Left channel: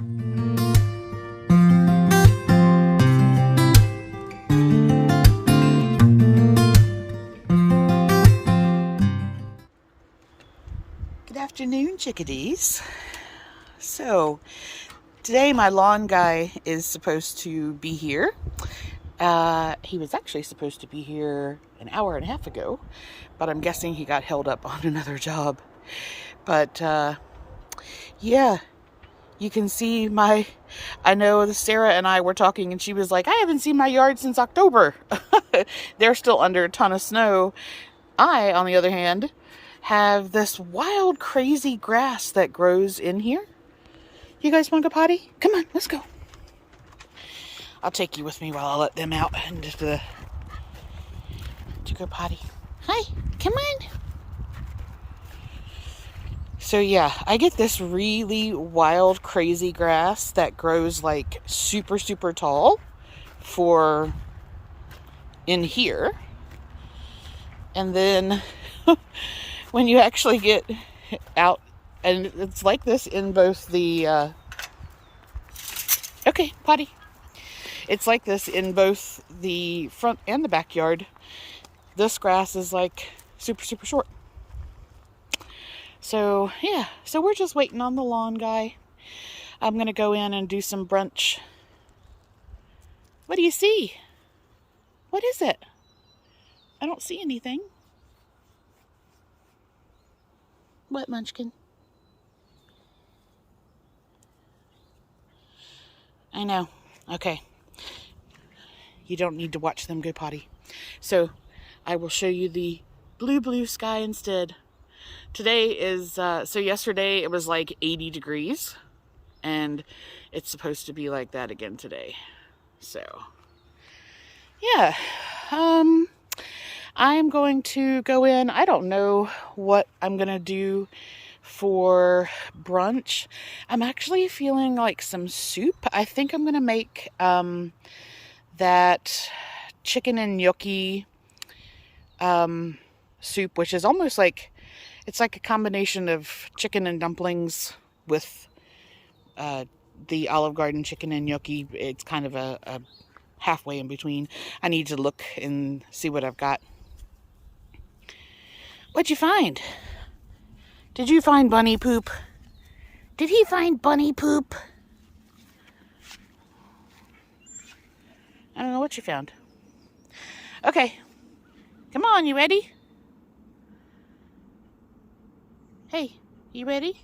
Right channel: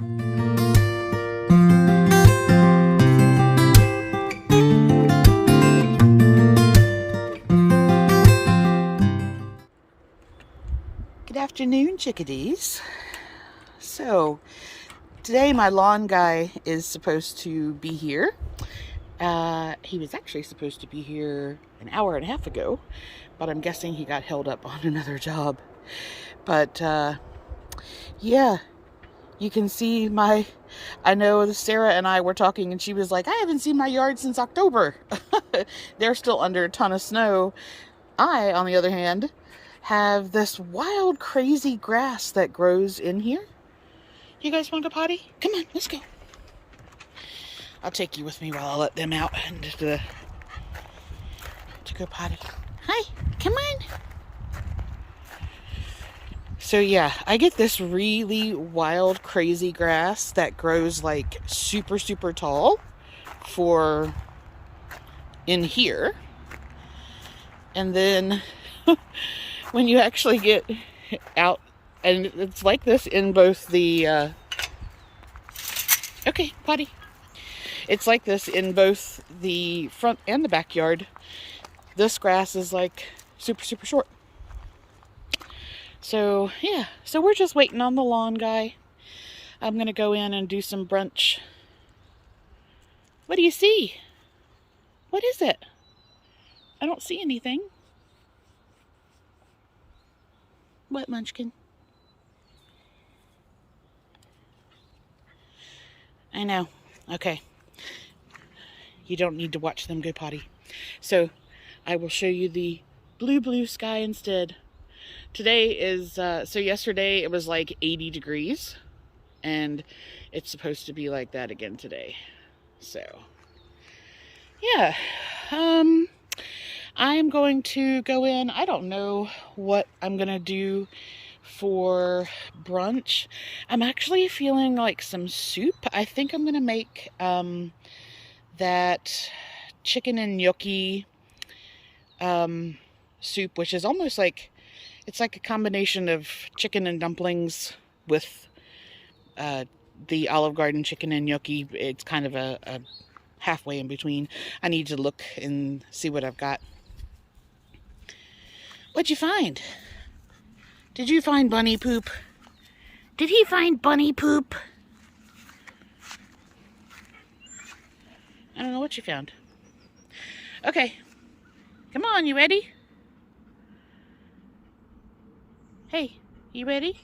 Good afternoon, chickadees. So today my lawn guy is supposed to be here. He was actually supposed to be here an hour and a half ago, but I'm guessing he got held up on another job. But yeah, you can see I know Sarah and I were talking and she was like, I haven't seen my yard since October. They're still under a ton of snow. I, on the other hand, have this wild, crazy grass that grows in here. You guys want to go potty? Come on, let's go. I'll take you with me while I let them out and to go potty. Hi, come on. So yeah, I get this really wild, crazy grass that grows like super, super tall for in here. And then when you actually get out, and it's like this in both the, okay, potty. It's like this in both the front and the backyard. This grass is like super, super short. So yeah, so we're just waiting on the lawn guy. I'm gonna go in and do some brunch. What do you see? What is it? I don't see anything. What, Munchkin? I know. Okay. You don't need to watch them go potty. So I will show you the blue sky instead. Today is, so yesterday it was like 80 degrees. And it's supposed to be like that again today. So, yeah. I'm going to go in. I don't know what I'm going to do for brunch. I'm actually feeling like some soup. I think I'm going to make that chicken and gnocchi soup, which is almost like, it's like a combination of chicken and dumplings with the Olive Garden chicken and gnocchi. It's kind of a halfway in between. I need to look and see what I've got. What'd you find? Did you find bunny poop? Did he find bunny poop? I don't know what you found. Okay. Come on, you ready? Hey, you ready?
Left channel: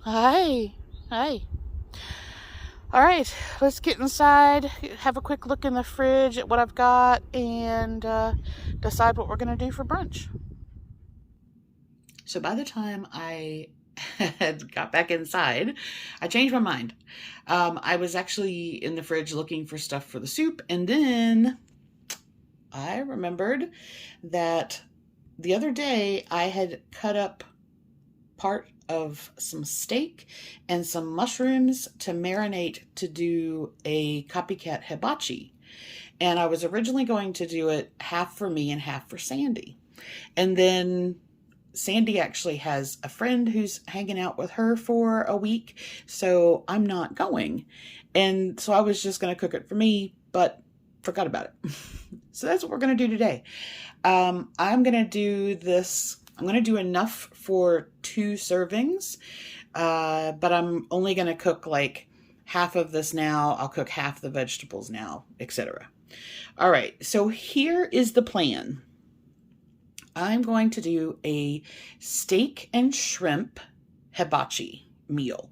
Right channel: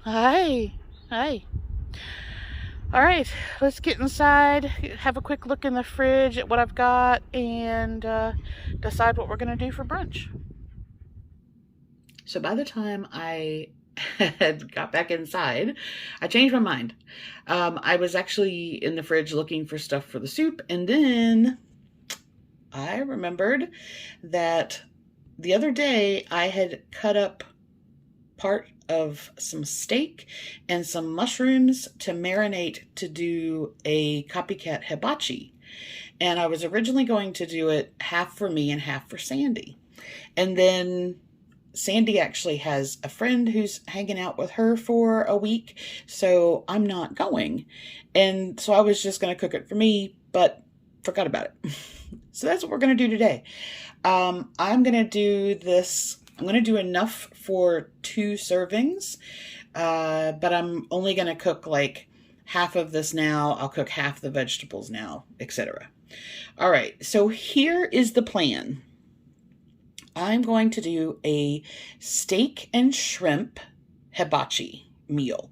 Hi. Hi. All right, let's get inside, have a quick look in the fridge at what I've got, and decide what we're going to do for brunch. So by the time I had got back inside, I changed my mind. I was actually in the fridge looking for stuff for the soup, and then I remembered that the other day I had cut up part of some steak and some mushrooms to marinate to do a copycat hibachi. And I was originally going to do it half for me and half for Sandy. And then Sandy actually has a friend who's hanging out with her for a week, so I'm not going. And so I was just going to cook it for me, but forgot about it. So that's what we're going to do today. I'm going to do this. I'm going to do enough for 2 servings, but I'm only going to cook like half of this now. I'll cook half the vegetables now, etc. All right, so here is the plan. I'm going to do a steak and shrimp hibachi meal.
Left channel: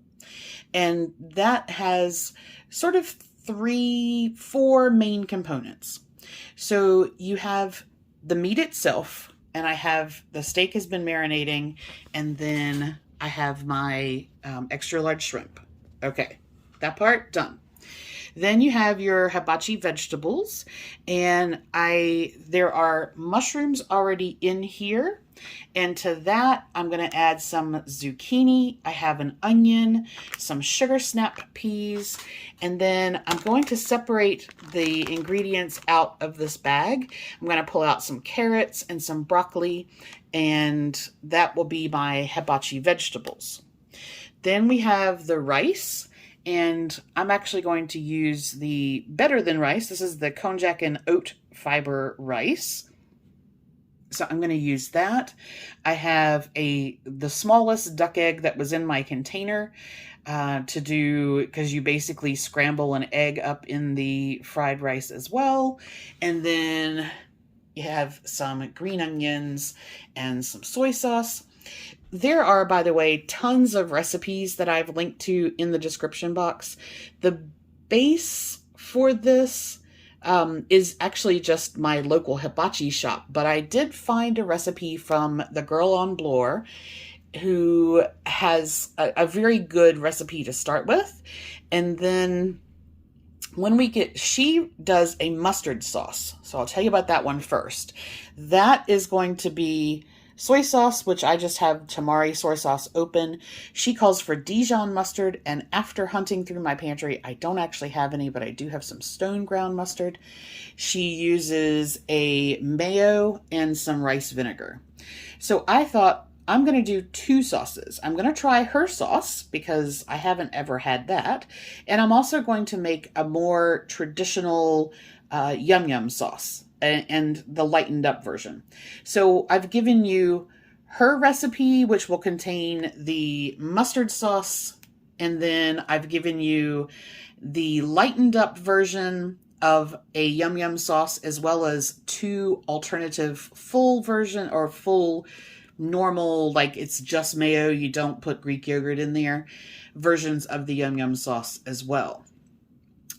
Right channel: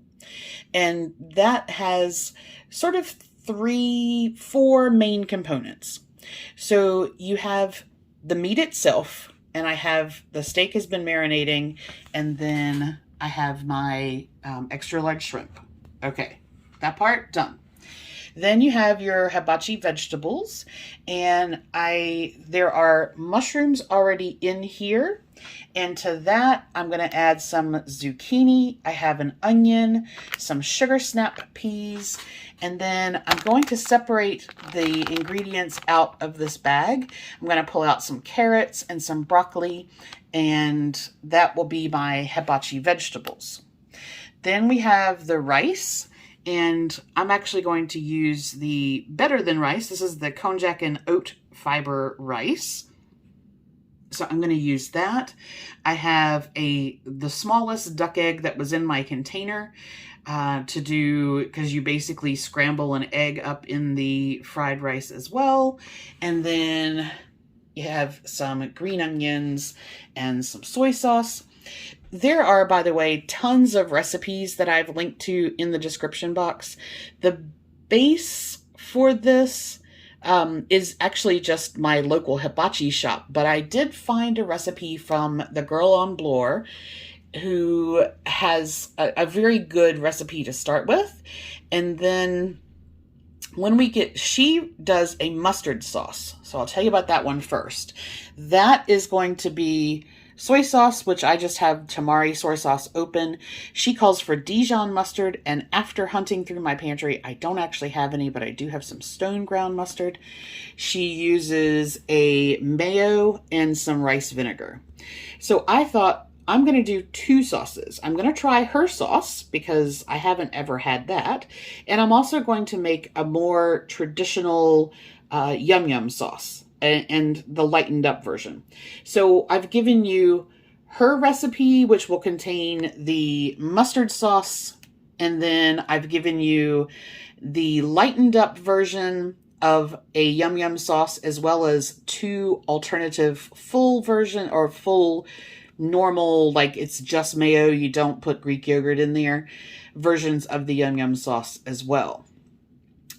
And that has sort of 4 main components. So you have the meat itself, and I have the steak has been marinating, and then I have my extra large shrimp. Okay, that part done. Then you have your hibachi vegetables, and there are mushrooms already in here, and to that I'm going to add some zucchini. I have an onion, some sugar snap peas, and then I'm going to separate the ingredients out of this bag. I'm going to pull out some carrots and some broccoli, and that will be my hibachi vegetables. Then we have the rice, and I'm actually going to use the Better Than rice. This is the Konjac and oat fiber rice. So I'm going to use that. I have the smallest duck egg that was in my container to do, because you basically scramble an egg up in the fried rice as well. And then you have some green onions and some soy sauce. There are, by the way, tons of recipes that I've linked to in the description box. The base for this is actually just my local hibachi shop, but I did find a recipe from the girl on Blore who has a very good recipe to start with. And then when she does a mustard sauce. So I'll tell you about that one first. That is going to be soy sauce, which I just have tamari soy sauce open. She calls for Dijon mustard, and after hunting through my pantry, I don't actually have any, but I do have some stone ground mustard. She uses a mayo and some rice vinegar. So I thought, I'm going to do two sauces. I'm going to try her sauce because I haven't ever had that. And I'm also going to make a more traditional yum yum sauce and the lightened up version. So I've given you her recipe, which will contain the mustard sauce. And then I've given you the lightened up version of a yum yum sauce, as well as two alternative full version or full normal, like it's just mayo, you don't put Greek yogurt in there, versions of the yum yum sauce as well.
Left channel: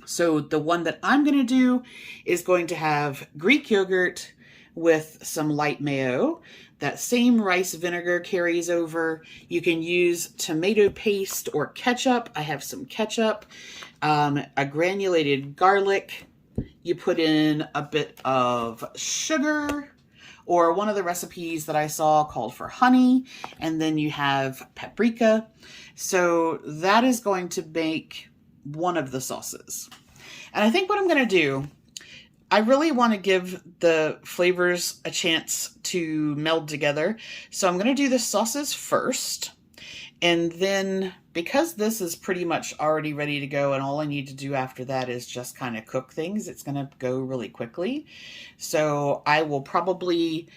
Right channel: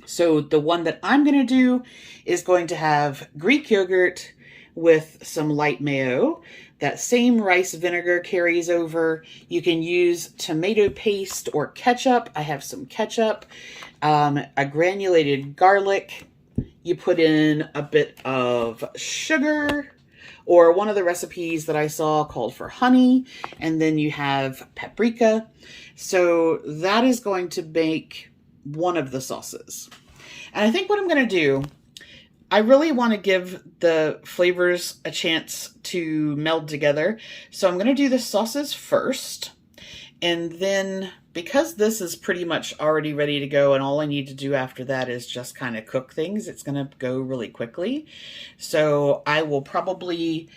So the one that I'm going to do is going to have Greek yogurt with some light mayo. That same rice vinegar carries over. You can use tomato paste or ketchup. I have some ketchup, a granulated garlic. You put in a bit of sugar, or one of the recipes that I saw called for honey, and then you have paprika. So that is going to make one of the sauces. And I think what I'm going to do, I really want to give the flavors a chance to meld together. So I'm going to do the sauces first. And then, because this is pretty much already ready to go and all I need to do after that is just kind of cook things, it's going to go really quickly. So I will probably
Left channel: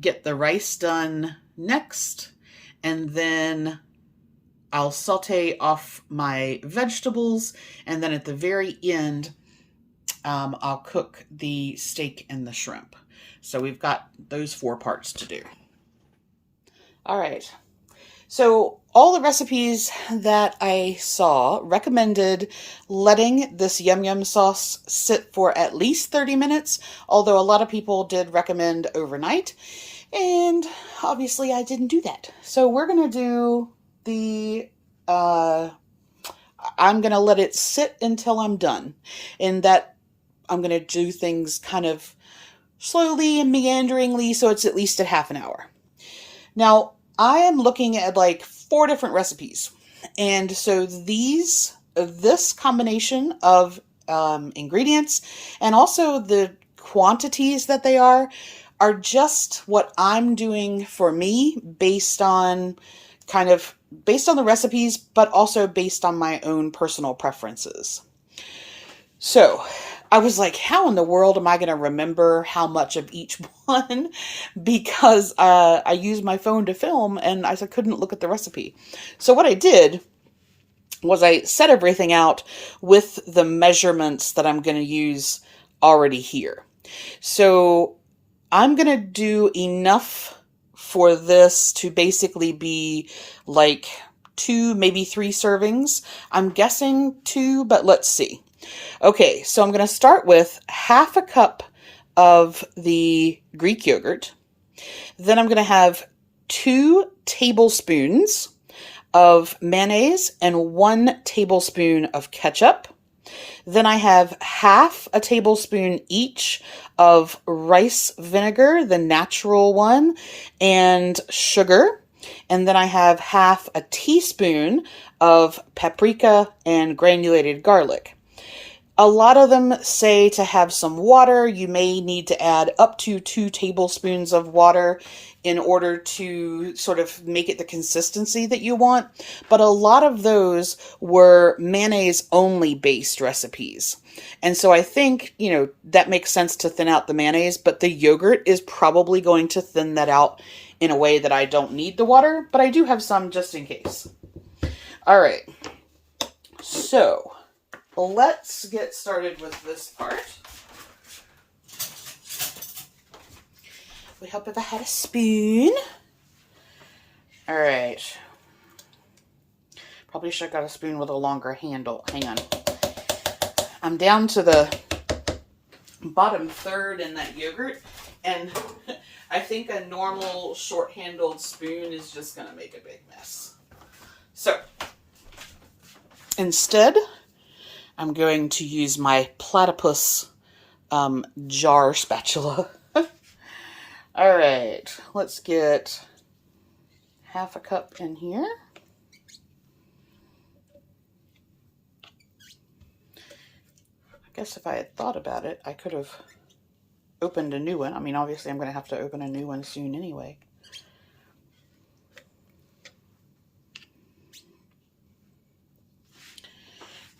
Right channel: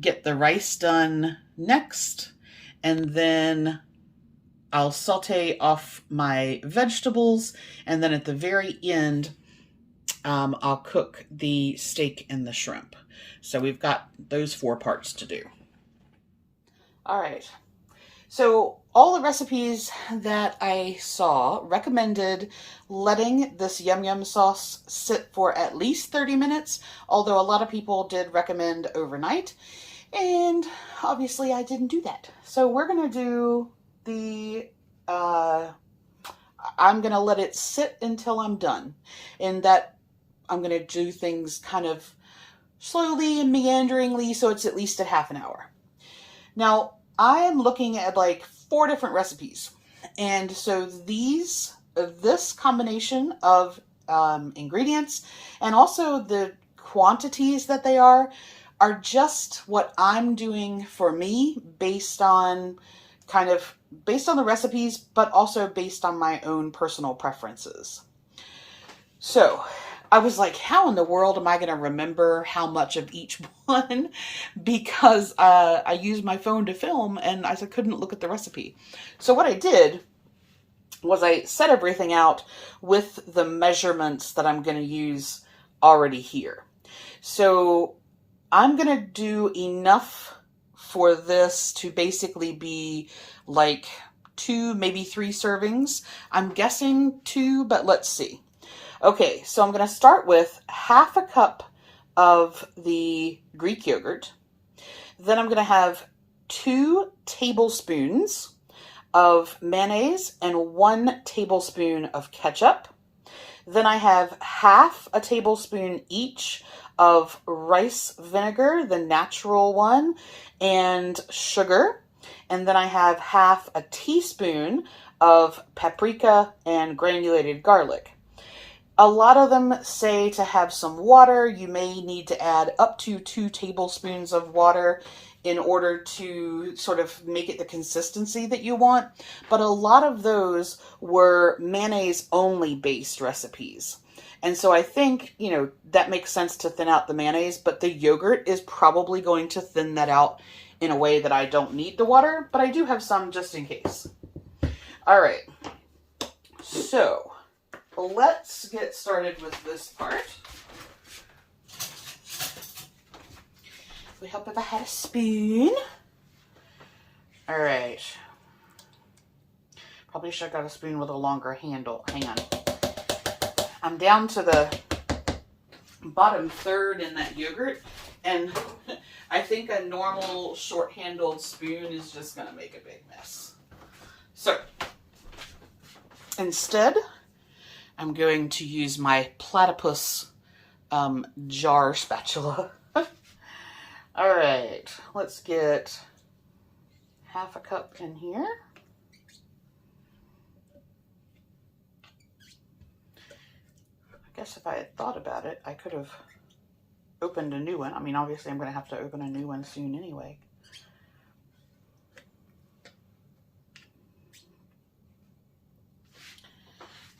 get the rice done next, and then I'll saute off my vegetables, and then at the very end, I'll cook the steak and the shrimp. So we've got those 4 parts to do. All right. So all the recipes that I saw recommended letting this yum yum sauce sit for at least 30 minutes, although a lot of people did recommend overnight, and obviously I didn't do that. So we're going to do the, I'm going to let it sit until I'm done, and that I'm going to do things kind of slowly and meanderingly, so it's at least a half an hour. Now, I am looking at like 4 different recipes. And so this combination of ingredients and also the quantities that they are just what I'm doing for me based on the recipes, but also based on my own personal preferences. So I was like, how in the world am I going to remember how much of each one? Because I used my phone to film and I couldn't look at the recipe. So what I did was I set everything out with the measurements that I'm going to use already here. So I'm going to do enough for this to basically be like 2, maybe 3 servings. I'm guessing 2, but let's see. Okay, so I'm going to start with half a cup of the Greek yogurt. Then I'm going to have 2 tablespoons of mayonnaise and 1 tablespoon of ketchup. Then I have half a tablespoon each of rice vinegar, the natural one, and sugar. And then I have half a teaspoon of paprika and granulated garlic. A lot of them say to have some water. You may need to add up to 2 tablespoons of water in order to sort of make it the consistency that you want. But a lot of those were mayonnaise only based recipes. And so I think, you know, that makes sense to thin out the mayonnaise, but the yogurt is probably going to thin that out in a way that I don't need the water, but I do have some just in case. All right. So let's get started with this part. We hope if I had a spoon. All right. Probably should have got a spoon with a longer handle. Hang on. I'm down to the bottom third in that yogurt, and I think a normal short-handled spoon is just going to make a big mess. So instead, I'm going to use my platypus jar spatula. All right, let's get half a cup in here. I guess if I had thought about it, I could have opened a new one. I mean, obviously I'm going to have to open a new one soon anyway.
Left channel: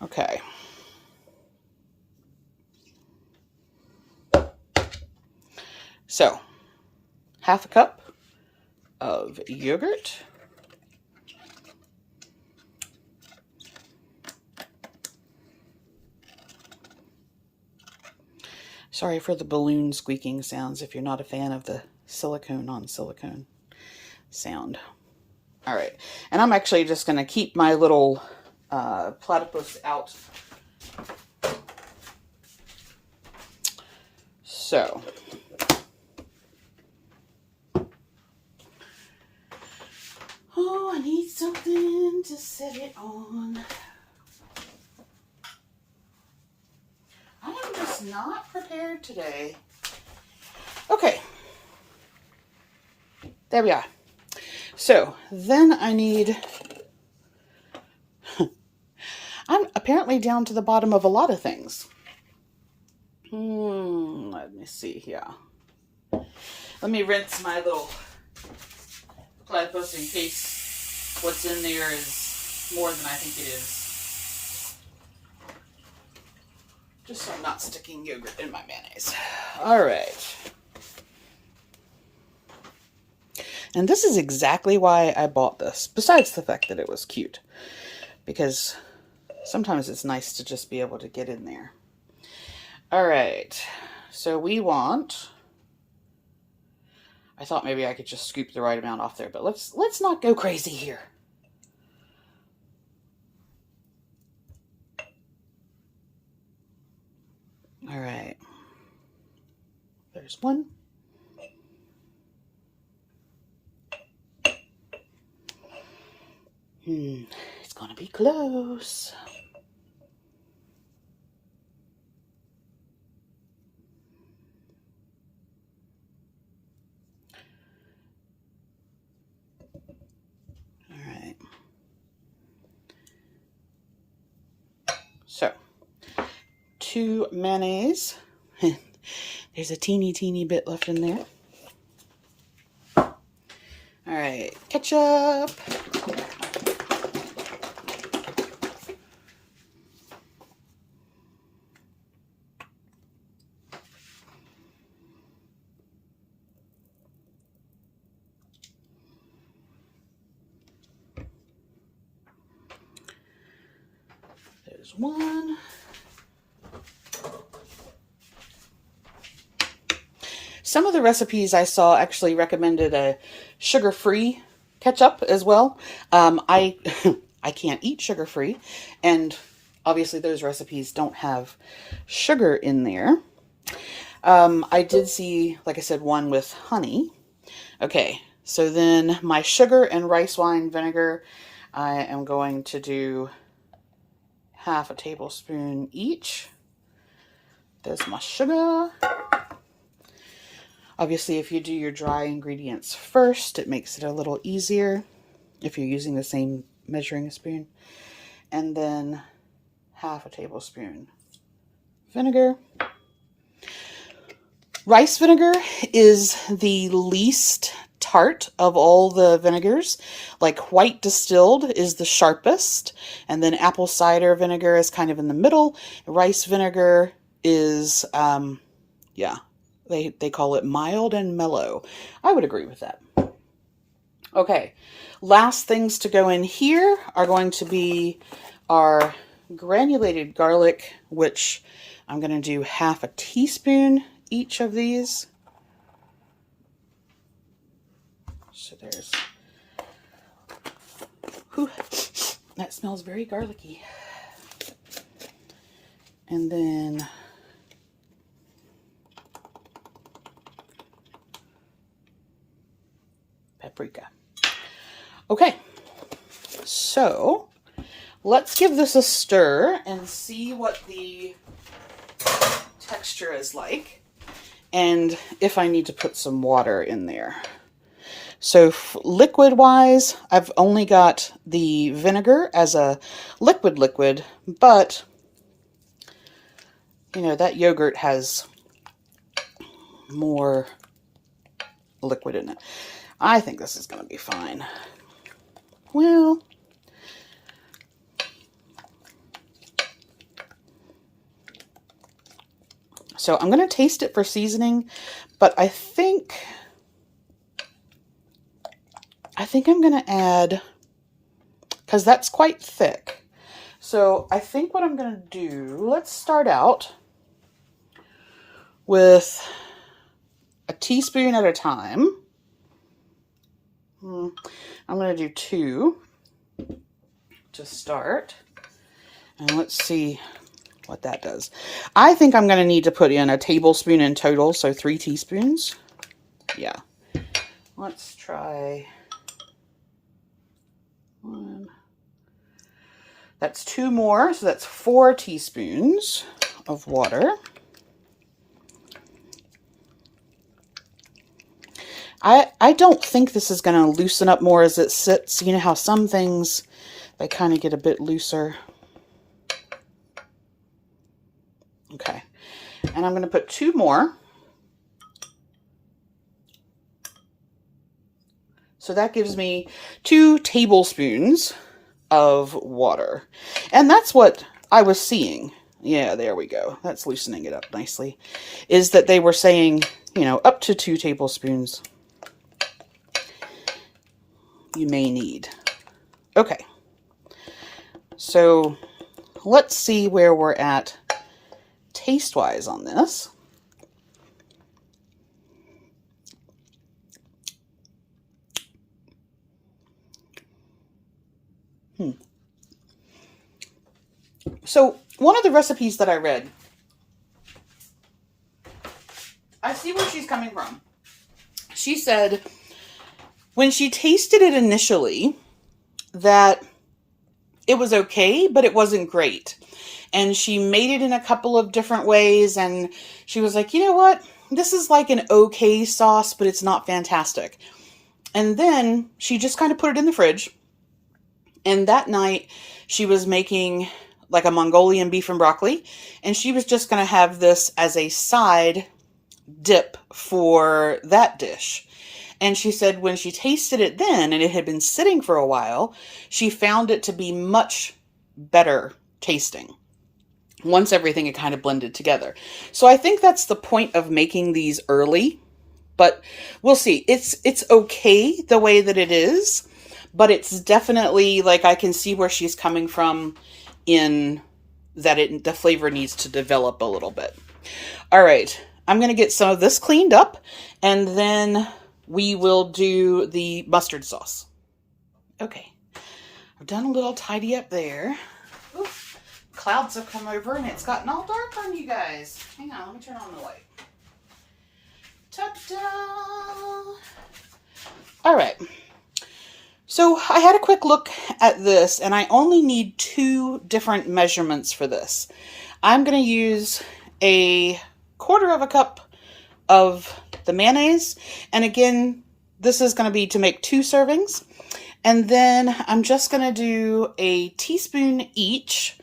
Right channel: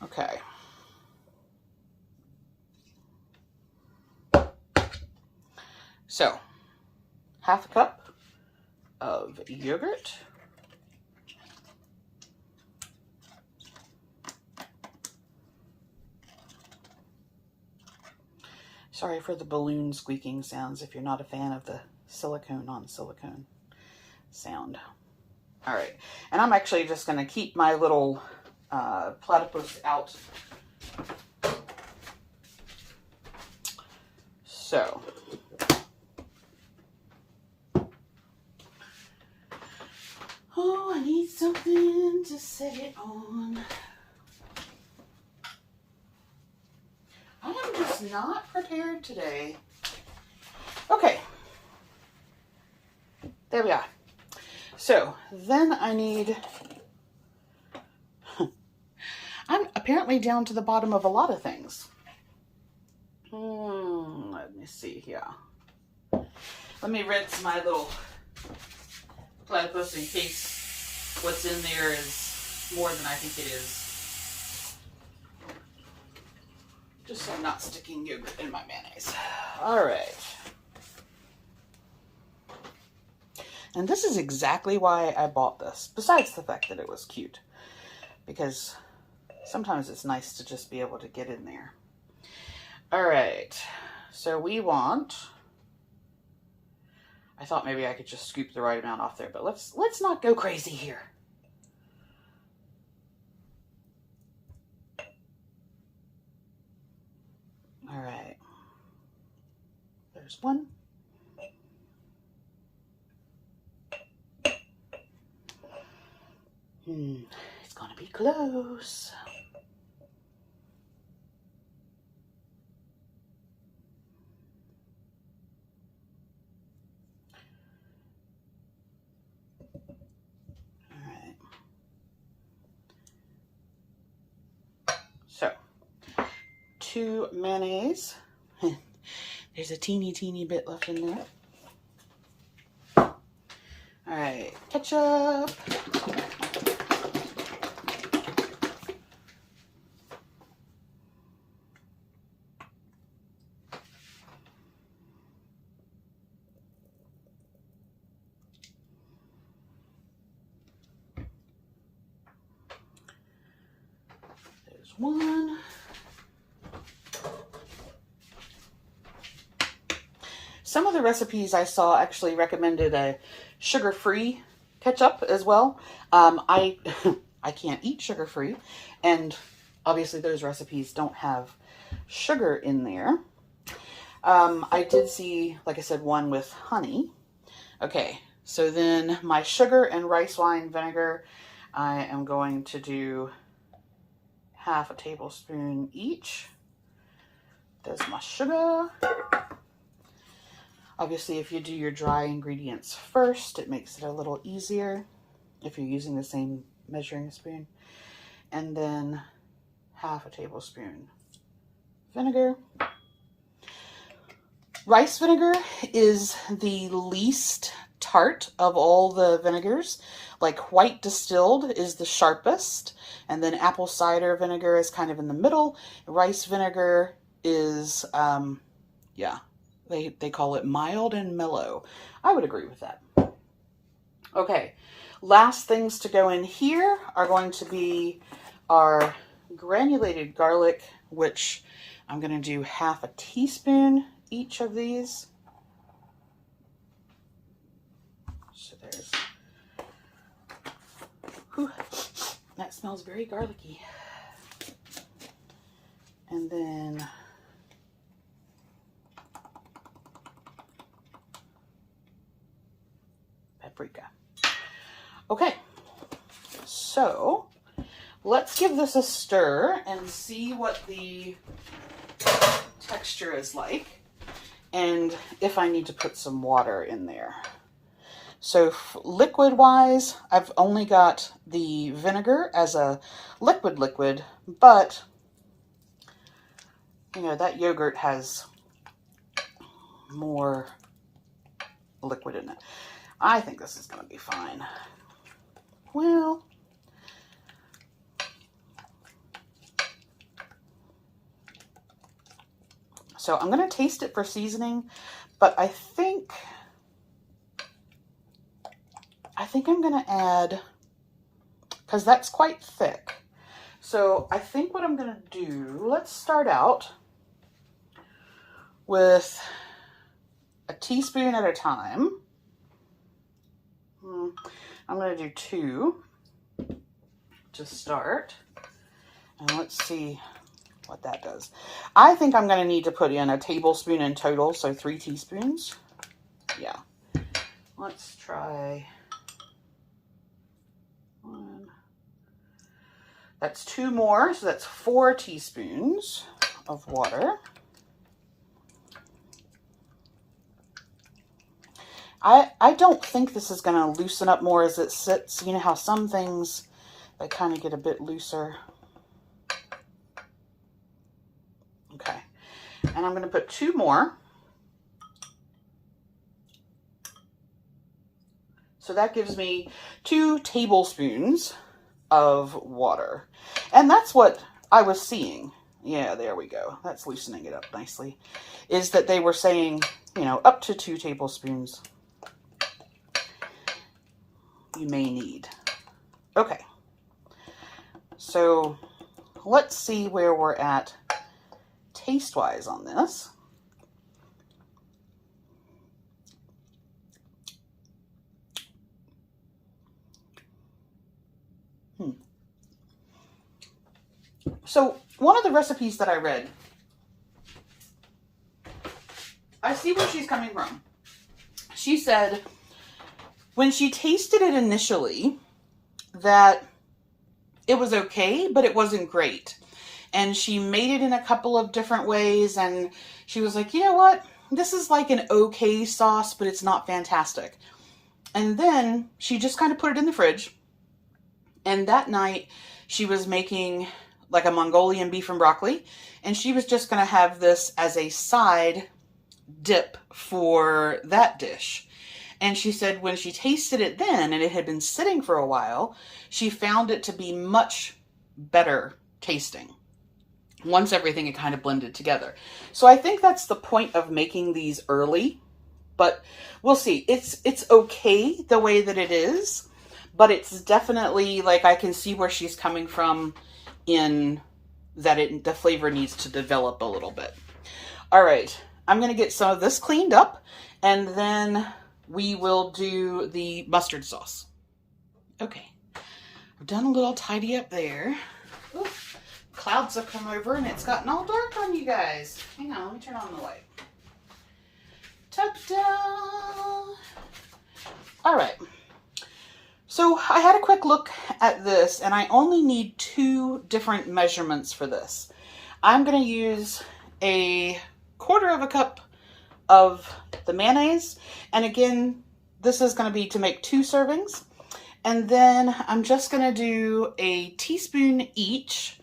Okay. So, half a cup of yogurt. Sorry for the balloon squeaking sounds if you're not a fan of the silicone on silicone sound. All right, and I'm actually just going to keep my little platypus out. So, oh, I need something to set it on. I am just not prepared today. Okay. There we are. So then I need, I'm apparently down to the bottom of a lot of things. Let me see here. Let me rinse my little platypus in case what's in there is more than I think it is. Just so I'm not sticking yogurt in my mayonnaise. All right. And this is exactly why I bought this, besides the fact that it was cute. Because sometimes it's nice to just be able to get in there. All right. So we want... I thought maybe I could just scoop the right amount off there, but let's not go crazy here. All right, there's one. It's gonna be close. All right. So, 2 mayonnaise. There's a teeny bit left in there. All right, ketchup. There's one. Some of the recipes I saw actually recommended a sugar-free ketchup as well. I can't eat sugar-free, and obviously those recipes don't have sugar in there. I did see, like I said, one with honey. Okay, so then my sugar and rice wine vinegar, I am going to do half a tablespoon each. There's my sugar. Obviously, if you do your dry ingredients first, it makes it a little easier if you're using the same measuring spoon. And then half a tablespoon vinegar. Rice vinegar is the least tart of all the vinegars. Like white distilled is the sharpest, and then apple cider vinegar is kind of in the middle. Rice vinegar is, yeah, they call it mild and mellow. I would agree with that. Okay, last things to go in here are going to be our granulated garlic, which I'm going to do half a teaspoon each of these. So there's, whew, that smells very garlicky. And then paprika. Okay, so let's give this a stir and see what the texture is like, and if I need to put some water in there. So liquid wise, I've only got the vinegar as a liquid, but you know, that yogurt has more liquid in it. I think this is going to be fine. Well, so I'm going to taste it for seasoning, but I think I'm going to add, because that's quite thick. So I think what I'm going to do, let's start out with a teaspoon at a time. I'm going to do 2 to start, and let's see what that does. I think I'm going to need to put in a tablespoon in total, so 3 teaspoons. Yeah. Let's try 1. That's 2 more, so that's 4 teaspoons of water. I don't think this is going to loosen up more as it sits. You know how some things, they kind of get a bit looser. Okay, and I'm going to put 2 more. So that gives me 2 tablespoons of water. And that's what I was seeing. Yeah, there we go. That's loosening it up nicely. Is that they were saying, you know, up to 2 tablespoons you may need. Okay. So let's see where we're at taste-wise on this. So one of the recipes that I read, I see where she's coming from. She said when she tasted it initially that it was okay, but it wasn't great. And she made it in a couple of different ways, and she was like, you know what? This is like an okay sauce, but it's not fantastic. And then she just kind of put it in the fridge. And that night she was making like a Mongolian beef and broccoli, and she was just going to have this as a side dip for that dish. And she said when she tasted it then, and it had been sitting for a while, she found it to be much better tasting once everything had kind of blended together. So I think that's the point of making these early, but we'll see. It's okay the way that it is, but it's definitely, like, I can see where she's coming from in that the flavor needs to develop a little bit. All right, I'm going to get some of this cleaned up, and then we will do the mustard sauce. Okay, I've done a little tidy up there. Oof, clouds have come over and it's gotten all dark on you guys. Hang on, let me turn on the light. Ta-da! All right. So I had a quick look at this, and I only need 2 different measurements for this. I'm going to use a 1/4 cup of the mayonnaise, and again, this is going to be to make 2 servings. And then I'm just going to do a teaspoon each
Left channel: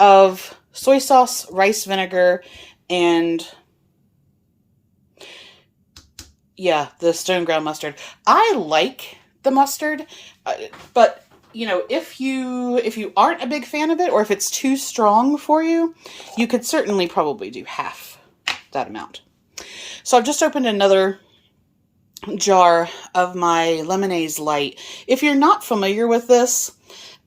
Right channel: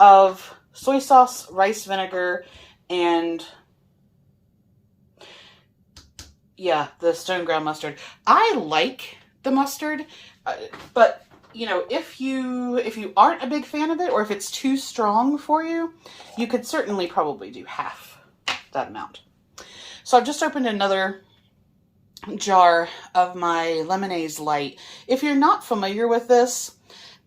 of soy sauce, rice vinegar, and Yeah, the stone ground mustard. I like the mustard, but you know, if you aren't a big fan of it, or if it's too strong for you, you could certainly probably do half that amount. So I've just opened another jar of my Lemonaise Lite. If you're not familiar with this,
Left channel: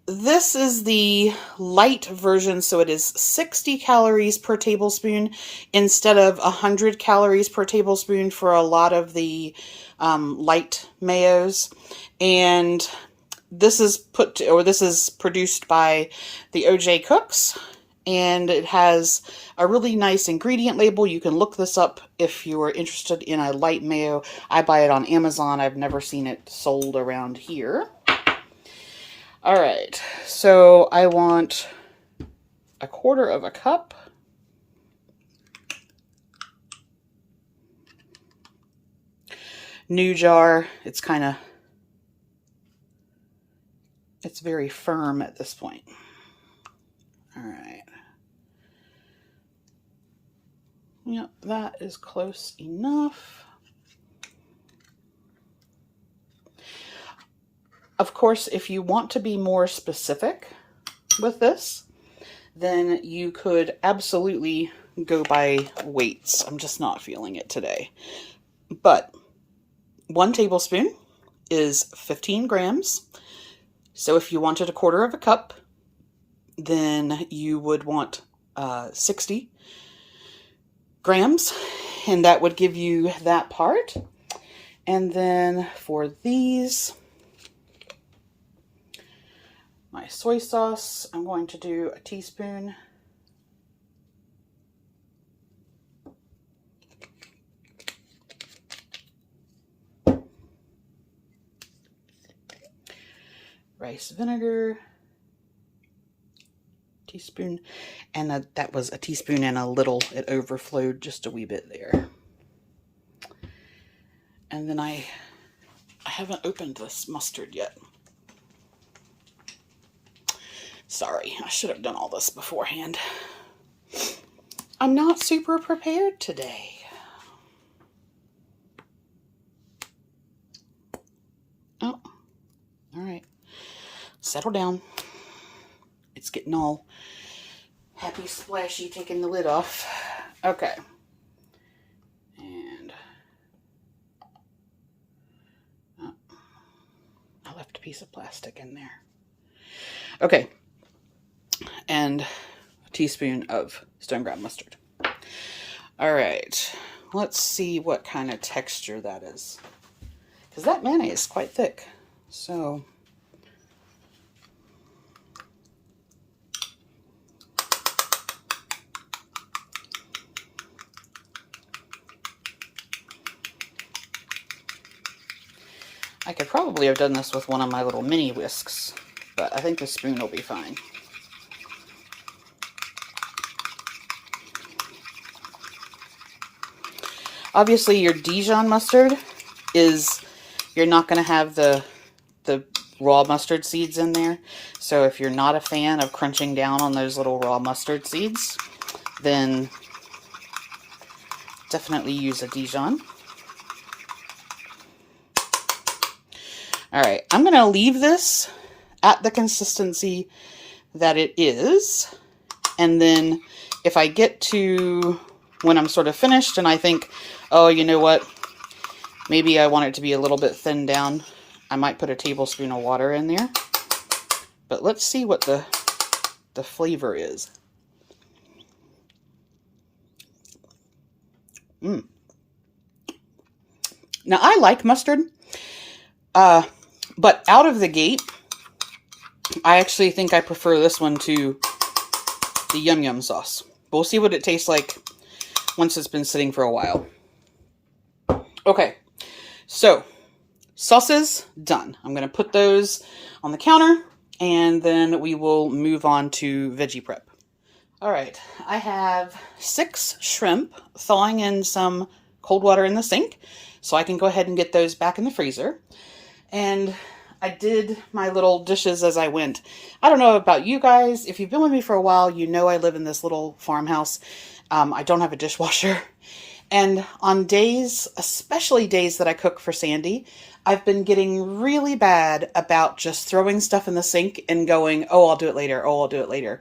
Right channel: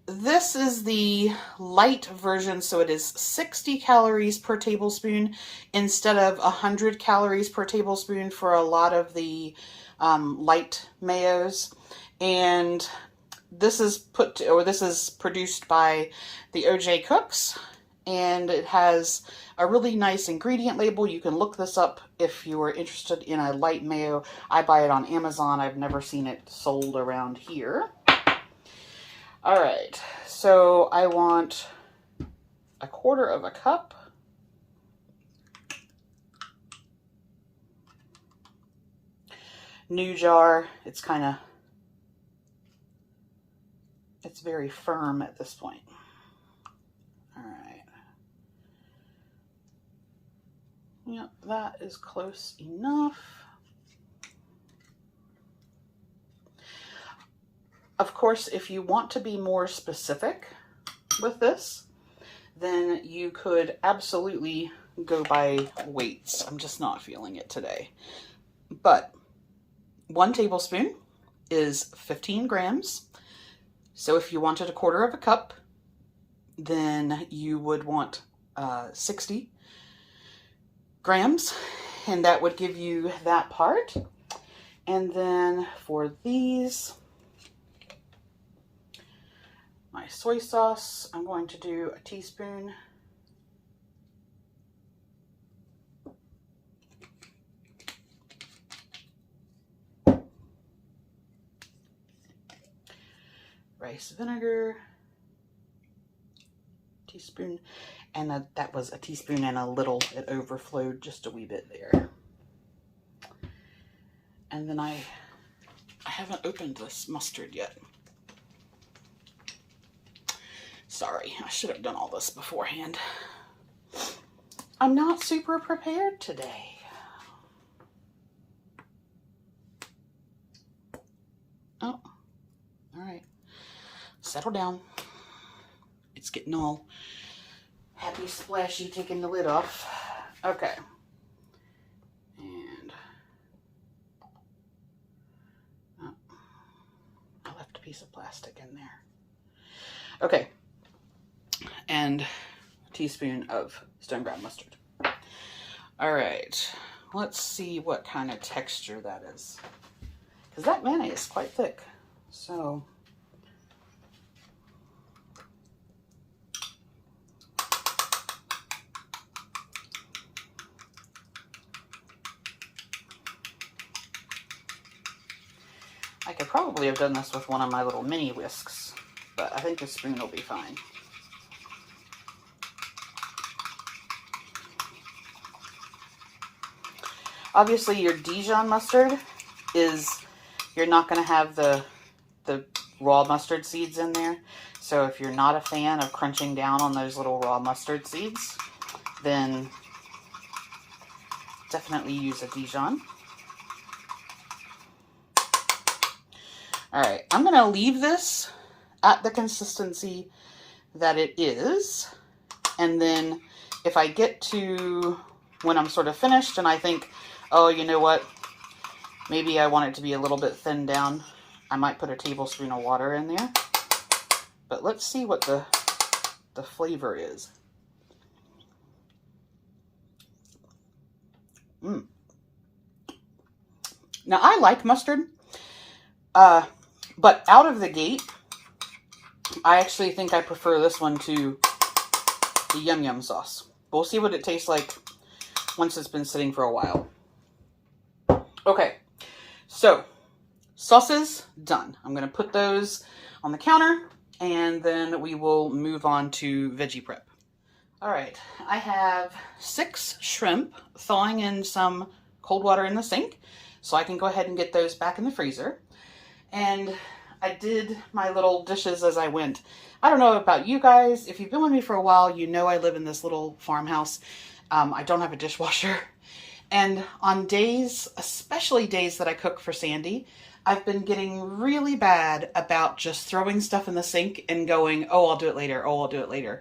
this is the light version, so it is 60 calories per tablespoon instead of 100 calories per tablespoon for a lot of the light mayos. And this is this is produced by the OJ Cooks, and it has a really nice ingredient label. You can look this up if you are interested in a light mayo. I buy it on Amazon. I've never seen it sold around here. All right, so I want 1/4 cup. New jar, it's very firm at this point. All right. Yep, that is close enough. Of course, if you want to be more specific with this, then you could absolutely go by weights. I'm just not feeling it today. But 1 tablespoon is 15 grams. So if you wanted 1/4 cup, then you would want 60 grams, and that would give you that part. And then for these, my soy sauce, I'm going to do a teaspoon. Rice vinegar, teaspoon, and that was a teaspoon and a little. It overflowed just a wee bit there. And then I haven't opened this mustard yet. Sorry, I should have done all this beforehand. I'm not super prepared today. Oh, all right. Settle down. It's getting all happy splashy, taking the lid off. Okay. And oh, I left a piece of plastic in there. Okay. And a teaspoon of stone ground mustard. All right. Let's see what kind of texture that is, because that mayonnaise is quite thick. So I could probably have done this with one of my little mini whisks, but I think the spoon will be fine. Obviously, your Dijon mustard you're not going to have the raw mustard seeds in there. So if you're not a fan of crunching down on those little raw mustard seeds, then definitely use a Dijon. All right, I'm going to leave this at the consistency that it is. And then if I get to when I'm sort of finished and I think, oh, you know what, maybe I want it to be a little bit thinned down, I might put a tablespoon of water in there. But let's see what the flavor is. Now, I like mustard, but out of the gate, I actually think I prefer this one to the Yum Yum sauce. We'll see what it tastes like once it's been sitting for a while. Okay, so sauces done. I'm going to put those on the counter, and then we will move on to veggie prep. All right, I have 6 shrimp thawing in some cold water in the sink, so I can go ahead and get those back in the freezer. And I did my little dishes as I went. I don't know about you guys. If you've been with me for a while, you know I live in this little farmhouse. I don't have a dishwasher. And on days, especially days that I cook for Sandy, I've been getting really bad about just throwing stuff in the sink and going, oh, I'll do it later. Oh, I'll do it later.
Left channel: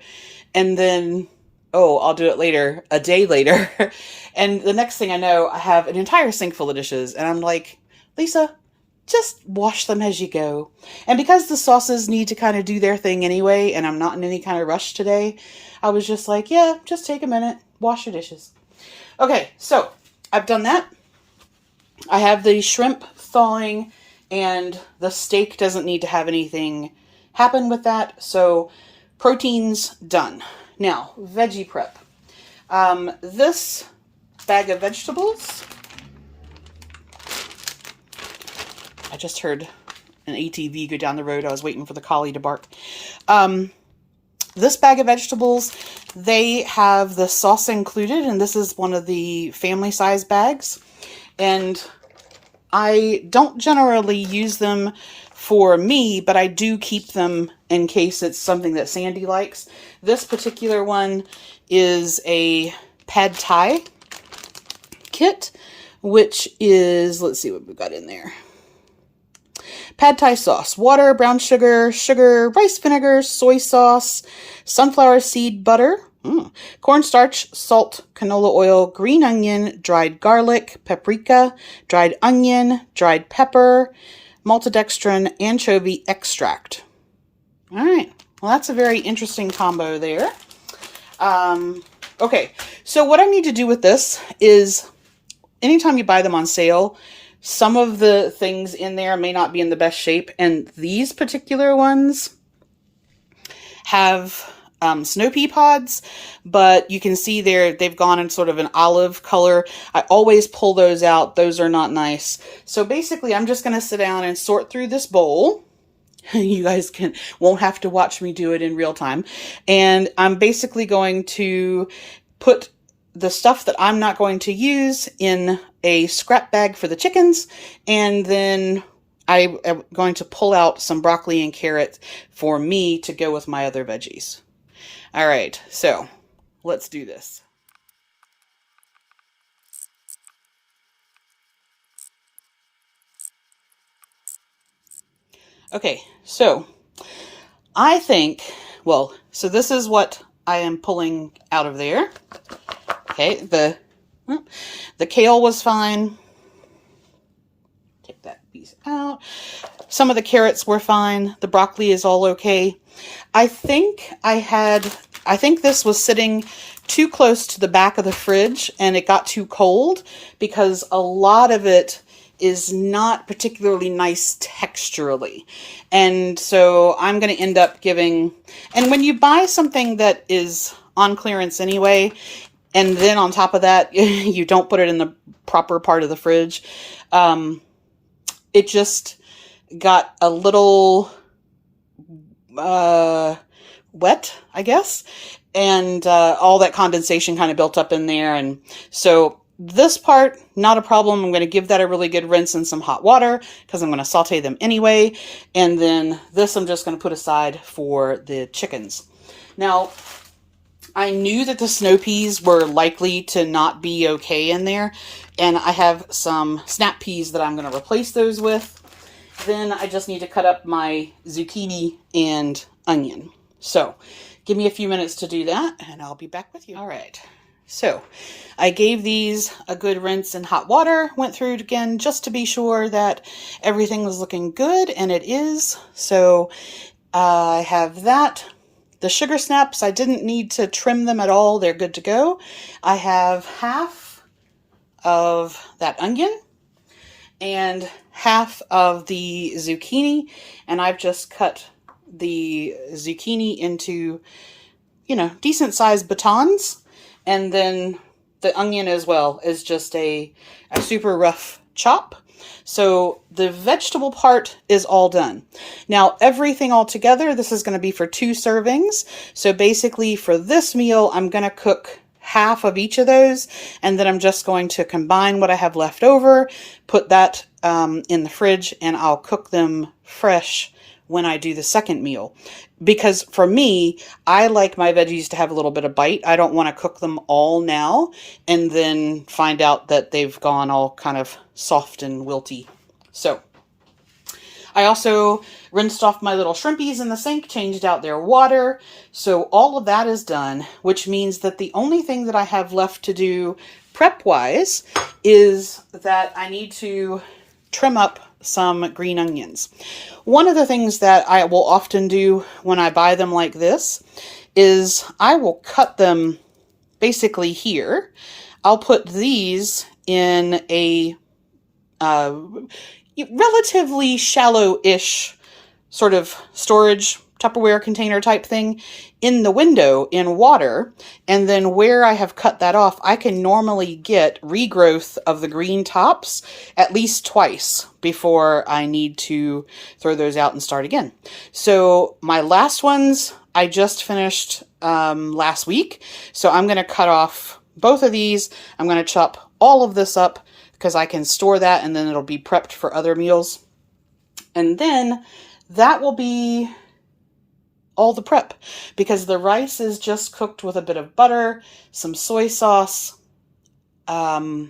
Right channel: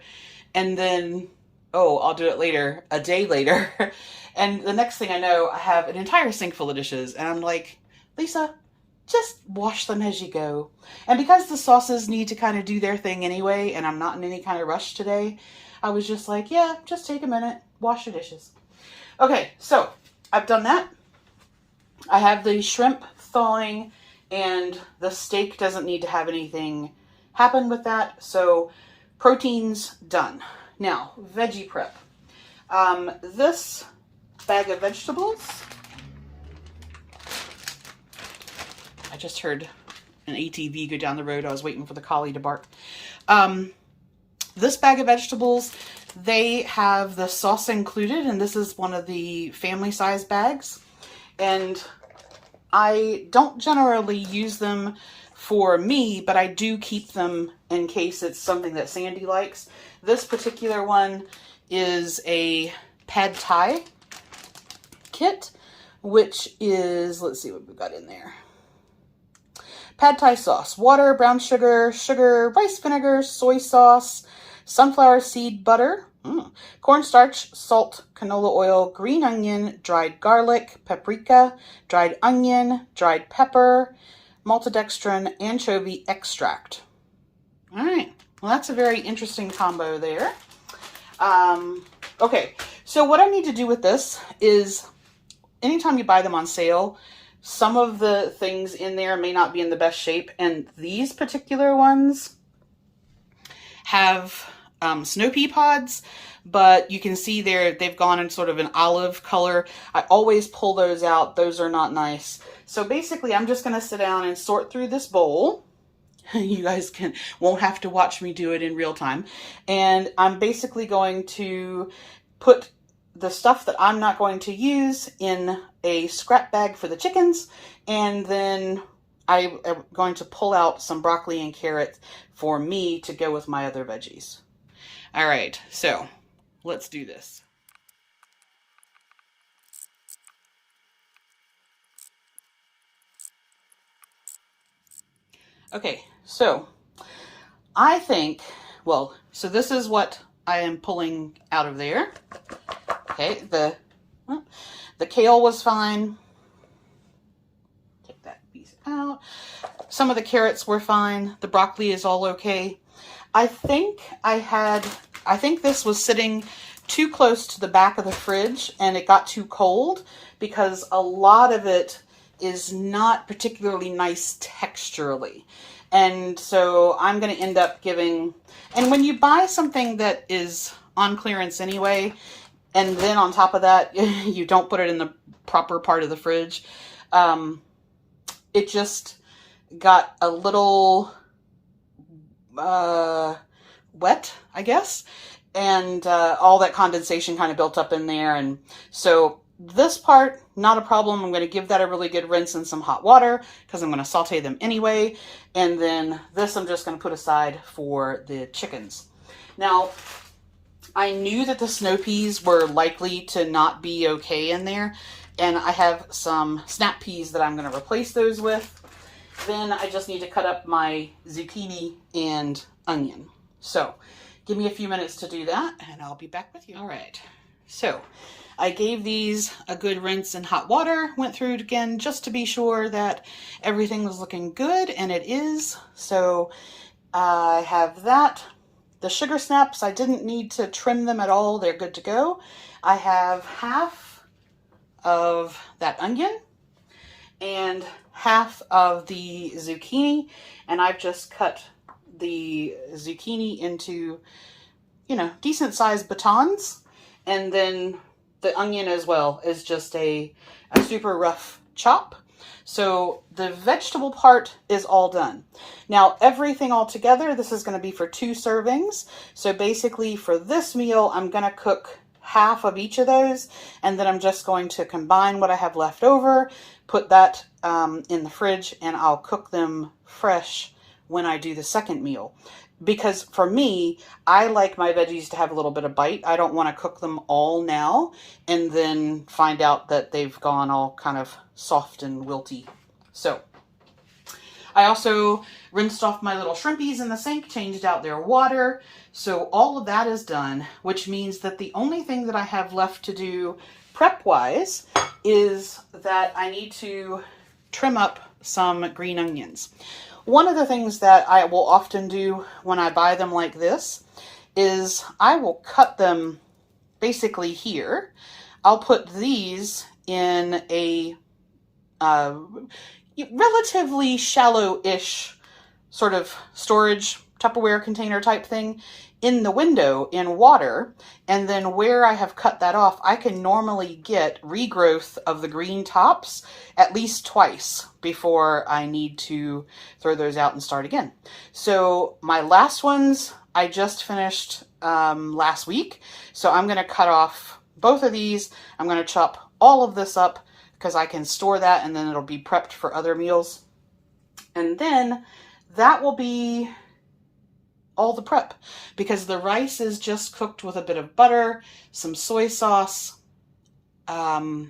And then, oh, I'll do it later, a day later. And the next thing I know, I have an entire sink full of dishes. And I'm like, Lisa, just wash them as you go. And because the sauces need to kind of do their thing anyway, and I'm not in any kind of rush today, I was just like, yeah, just take a minute, wash your dishes. Okay, so I've done that. I have the shrimp thawing, and the steak doesn't need to have anything happen with that. So protein's done. Now, veggie prep. This bag of vegetables, I just heard an ATV go down the road. I was waiting for the collie to bark. This bag of vegetables, they have the sauce included, and this is one of the family size bags. And I don't generally use them for me, but I do keep them in case it's something that Sandy likes. This particular one is a pad thai kit, which is, let's see what we've got in there. Pad thai sauce, water, brown sugar, rice vinegar, soy sauce, sunflower seed butter, cornstarch, salt, canola oil, green onion, dried garlic, paprika, dried onion, dried pepper, maltodextrin, anchovy extract. All right, well, that's a very interesting combo there. Okay, so what I need to do with this is anytime you buy them on sale, some of the things in there may not be in the best shape, and these particular ones have snow pea pods, but you can see they've gone in sort of an olive color. I always pull those out. Those are not nice. So basically, I'm just going to sit down and sort through this bowl. You guys won't have to watch me do it in real time. And I'm basically going to put the stuff that I'm not going to use in a scrap bag for the chickens, and then I am going to pull out some broccoli and carrot for me to go with my other veggies. All right, so let's do this. Okay, so I think, well, so this is what I am pulling out of there. Okay, the kale was fine. Take that piece out. Some of the carrots were fine. The broccoli is all okay. I think this was sitting too close to the back of the fridge and it got too cold because a lot of it is not particularly nice texturally. And so I'm going to end up giving, and when you buy something that is on clearance anyway, and then on top of that, you don't put it in the proper part of the fridge, it just got a little wet, I guess. And all that condensation kind of built up in there. And so this part, not a problem. I'm going to give that a really good rinse in some hot water because I'm going to saute them anyway. And then this I'm just going to put aside for the chickens. Now, I knew that the snow peas were likely to not be okay in there, and I have some snap peas that I'm going to replace those with. Then I just need to cut up my zucchini and onion. So give me a few minutes to do that, and I'll be back with you. All right, so I gave these a good rinse in hot water, went through it again just to be sure that everything was looking good, and it is. So I have that. The sugar snaps, I didn't need to trim them at all. They're good to go. I have half of that onion and half of the zucchini, and I've just cut the zucchini into, decent sized batons, and then the onion as well is just a super rough chop. So the vegetable part is all done. Now everything all together, this is going to be for 2 servings. So basically for this meal, I'm going to cook half of each of those, and then I'm just going to combine what I have left over, put that in the fridge, and I'll cook them fresh when I do the second meal. Because for me, I like my veggies to have a little bit of bite. I don't want to cook them all now and then find out that they've gone all kind of soft and wilty. So I also rinsed off my little shrimpies in the sink, changed out their water. So all of that is done, which means that the only thing that I have left to do prep-wise is that I need to trim up some green onions. One of the things that I will often do when I buy them like this is I will cut them basically here. I'll put these in a relatively shallow-ish sort of storage Tupperware container type thing in the window in water, and then where I have cut that off, I can normally get regrowth of the green tops at least twice before I need to throw those out and start again. So my last ones I just finished last week, so I'm going to cut off both of these. I'm going to chop all of this up because I can store that and then it'll be prepped for other meals. And then that will be all the prep, because the rice is just cooked with a bit of butter, some soy sauce, the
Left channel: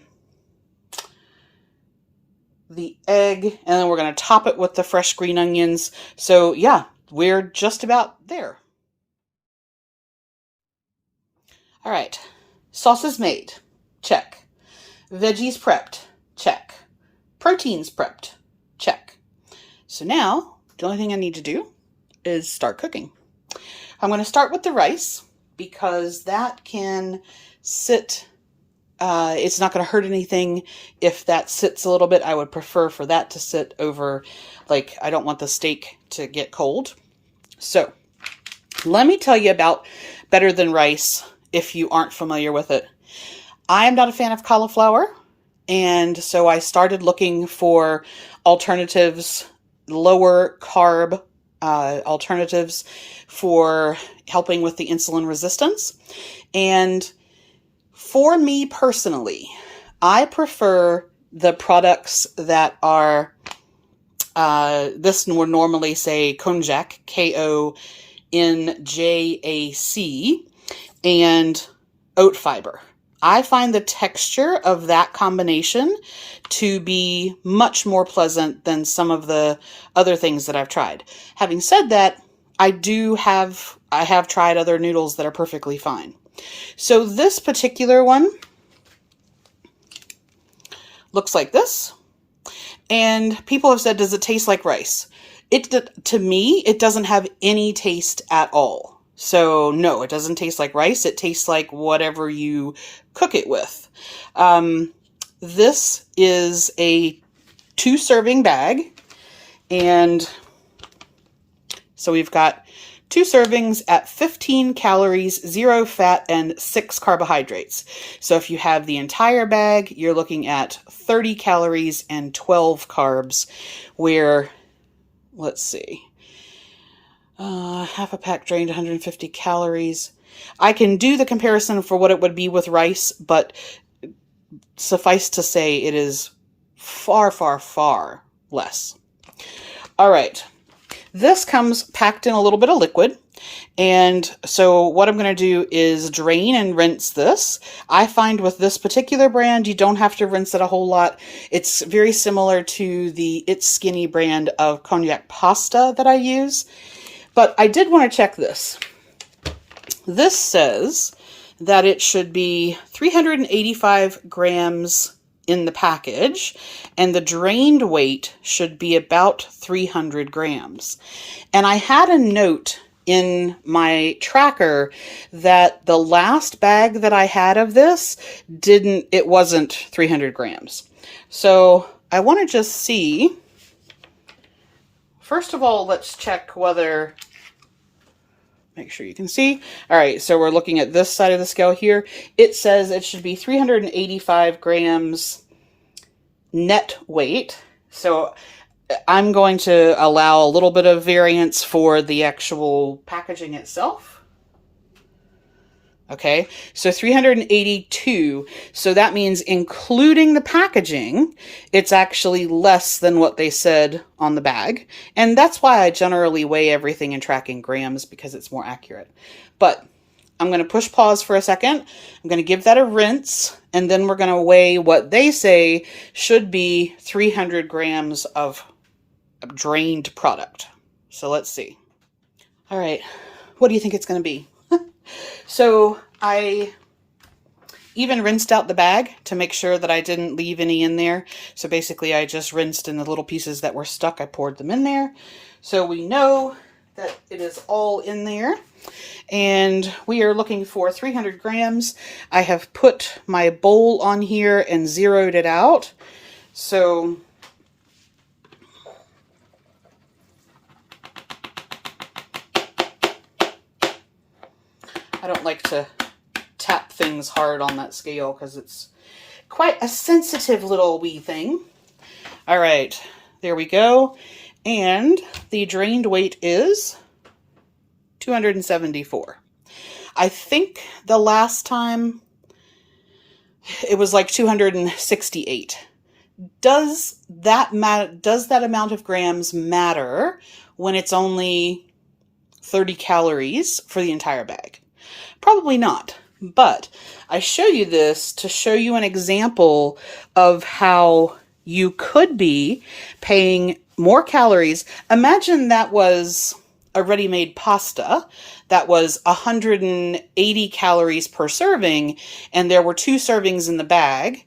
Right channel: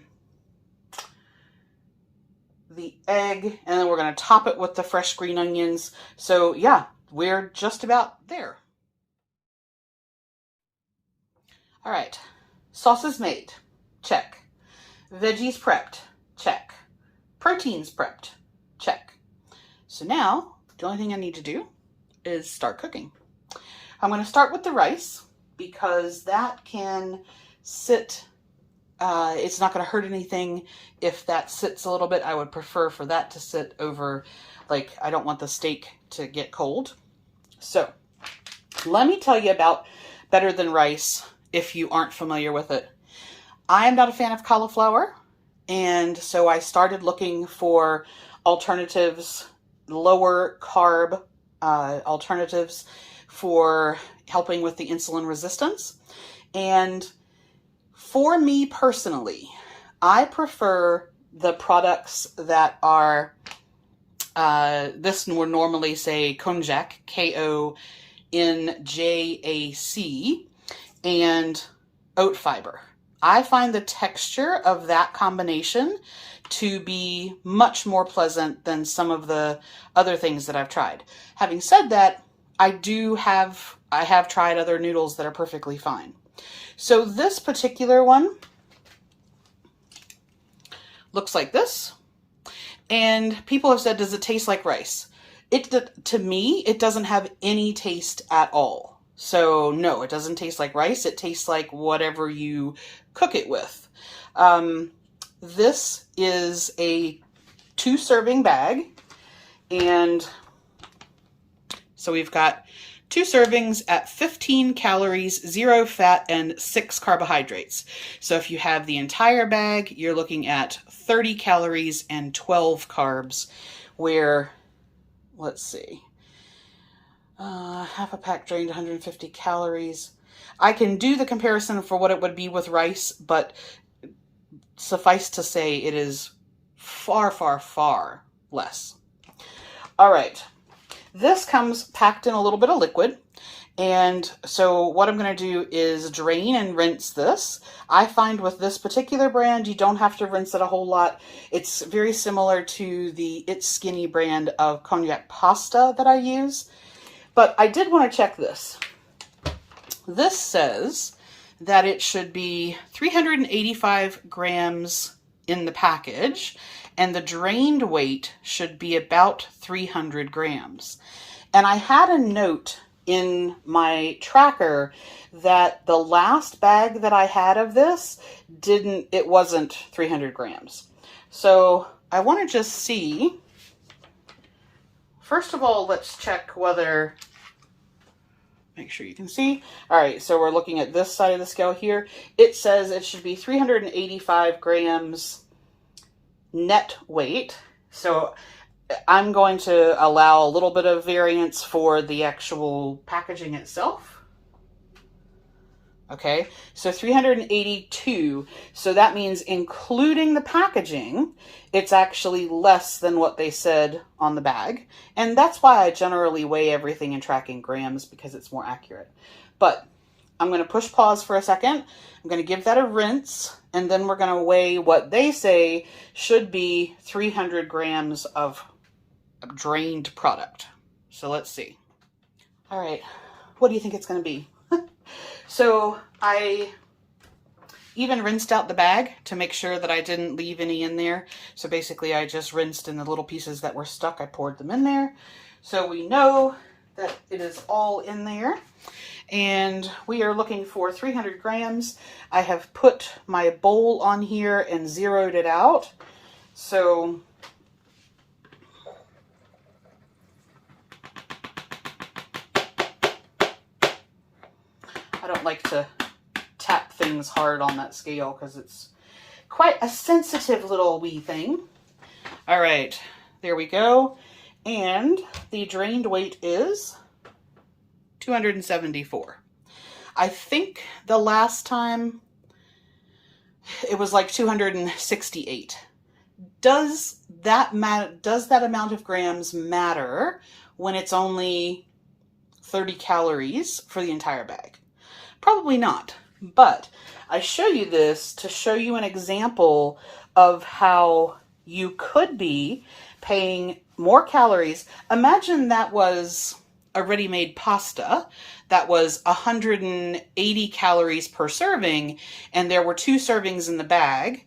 egg, and then we're going to top it with the fresh green onions. So yeah, we're just about there. All right, sauce is made, check. Veggies prepped, check. Proteins prepped, check. So now the only thing I need to do is start cooking. I'm going to start with the rice because that can sit, it's not going to hurt anything if that sits a little bit. I would prefer for that to sit over, like, I don't want the steak to get cold. So let me tell you about Better Than Rice if you aren't familiar with it. I am not a fan of cauliflower, and so I started looking for alternatives, lower carb alternatives for helping with the insulin resistance. And for me personally, I prefer the products that are, this would normally say Konjac, K-O-N-J-A-C, and oat fiber. I find the texture of that combination to be much more pleasant than some of the other things that I've tried. Having said that, I have tried other noodles that are perfectly fine. So this particular one looks like this. And people have said, does it taste like rice? To me, it doesn't have any taste at all. So no, it doesn't taste like rice. It tastes like whatever you cook it with. This is a 2-serving bag. And so we've got 2 servings at 15 calories, 0 fat, and 6 carbohydrates. So if you have the entire bag, you're looking at 30 calories and 12 carbs, where, let's see, half a pack drained, 150 calories. I can do the comparison for what it would be with rice, but suffice to say it is far, far, far less. All right. This comes packed in a little bit of liquid. And so what I'm going to do is drain and rinse this. I find with this particular brand, you don't have to rinse it a whole lot. It's very similar to the It's Skinny brand of Konjac pasta that I use. But I did want to check this. This says that it should be 385 grams in the package, and the drained weight should be about 300 grams. And I had a note in my tracker that the last bag that I had of this it wasn't 300 grams. So I want to just see. First of all, let's check whether, make sure you can see. All right, so we're looking at this side of the scale here. It says it should be 385 grams net weight. So I'm going to allow a little bit of variance for the actual packaging itself. Okay, so 382. So that means including the packaging, it's actually less than what they said on the bag. And that's why I generally weigh everything in tracking grams, because it's more accurate. But I'm going to push pause for a second. I'm going to give that a rinse, and then we're going to weigh what they say should be 300 grams of drained product. So let's see. All right, what do you think it's going to be? So I even rinsed out the bag to make sure that I didn't leave any in there. So basically I just rinsed in the little pieces that were stuck. I poured them in there. So we know that it is all in there. And we are looking for 300 grams. I have put my bowl on here and zeroed it out. So I don't like to tap things hard on that scale because it's quite a sensitive little wee thing. All right, there we go. And the drained weight is 274. I think the last time it was like 268. Does that amount of grams matter when it's only 30 calories for the entire bag? Probably not, but I show you this to show you an example of how you could be paying more calories. Imagine that was a ready-made pasta that was 180 calories per serving, and there were 2 servings in the bag,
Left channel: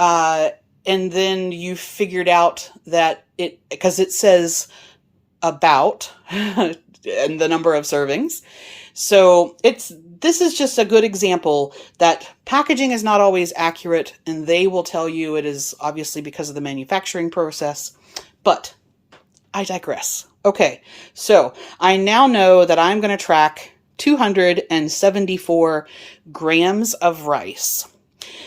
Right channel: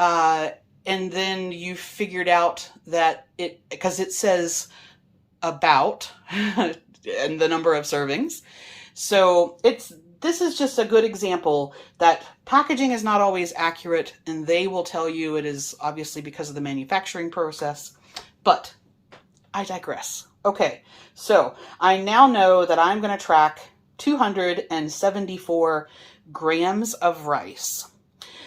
and then you figured out that because it says about and the number of servings. So this is just a good example that packaging is not always accurate, and they will tell you it is obviously because of the manufacturing process, but I digress. Okay, so I now know that I'm going to track 274 grams of rice.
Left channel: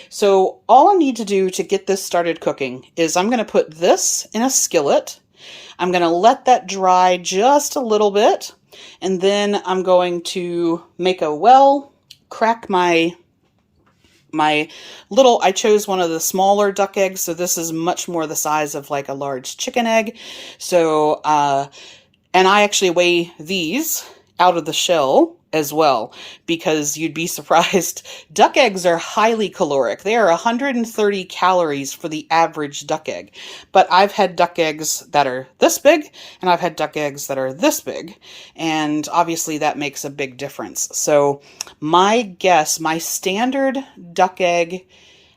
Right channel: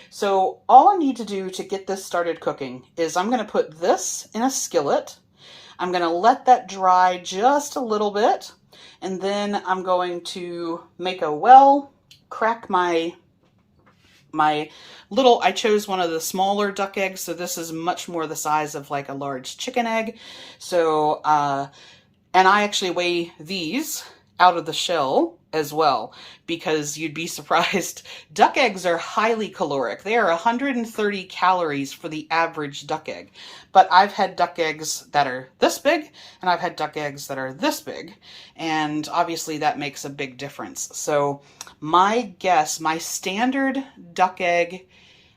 So all I need to do to get this started cooking is I'm going to put this in a skillet. I'm going to let that dry just a little bit. And then I'm going to make a well, crack my little, I chose one of the smaller duck eggs, so this is much more the size of like a large chicken egg. So, and I actually weigh these out of the shell as well, because you'd be surprised. Duck eggs are highly caloric. They are 130 calories for the average duck egg. But I've had duck eggs that are this big, and I've had duck eggs that are this big. And obviously that makes a big difference. So my guess, my standard duck egg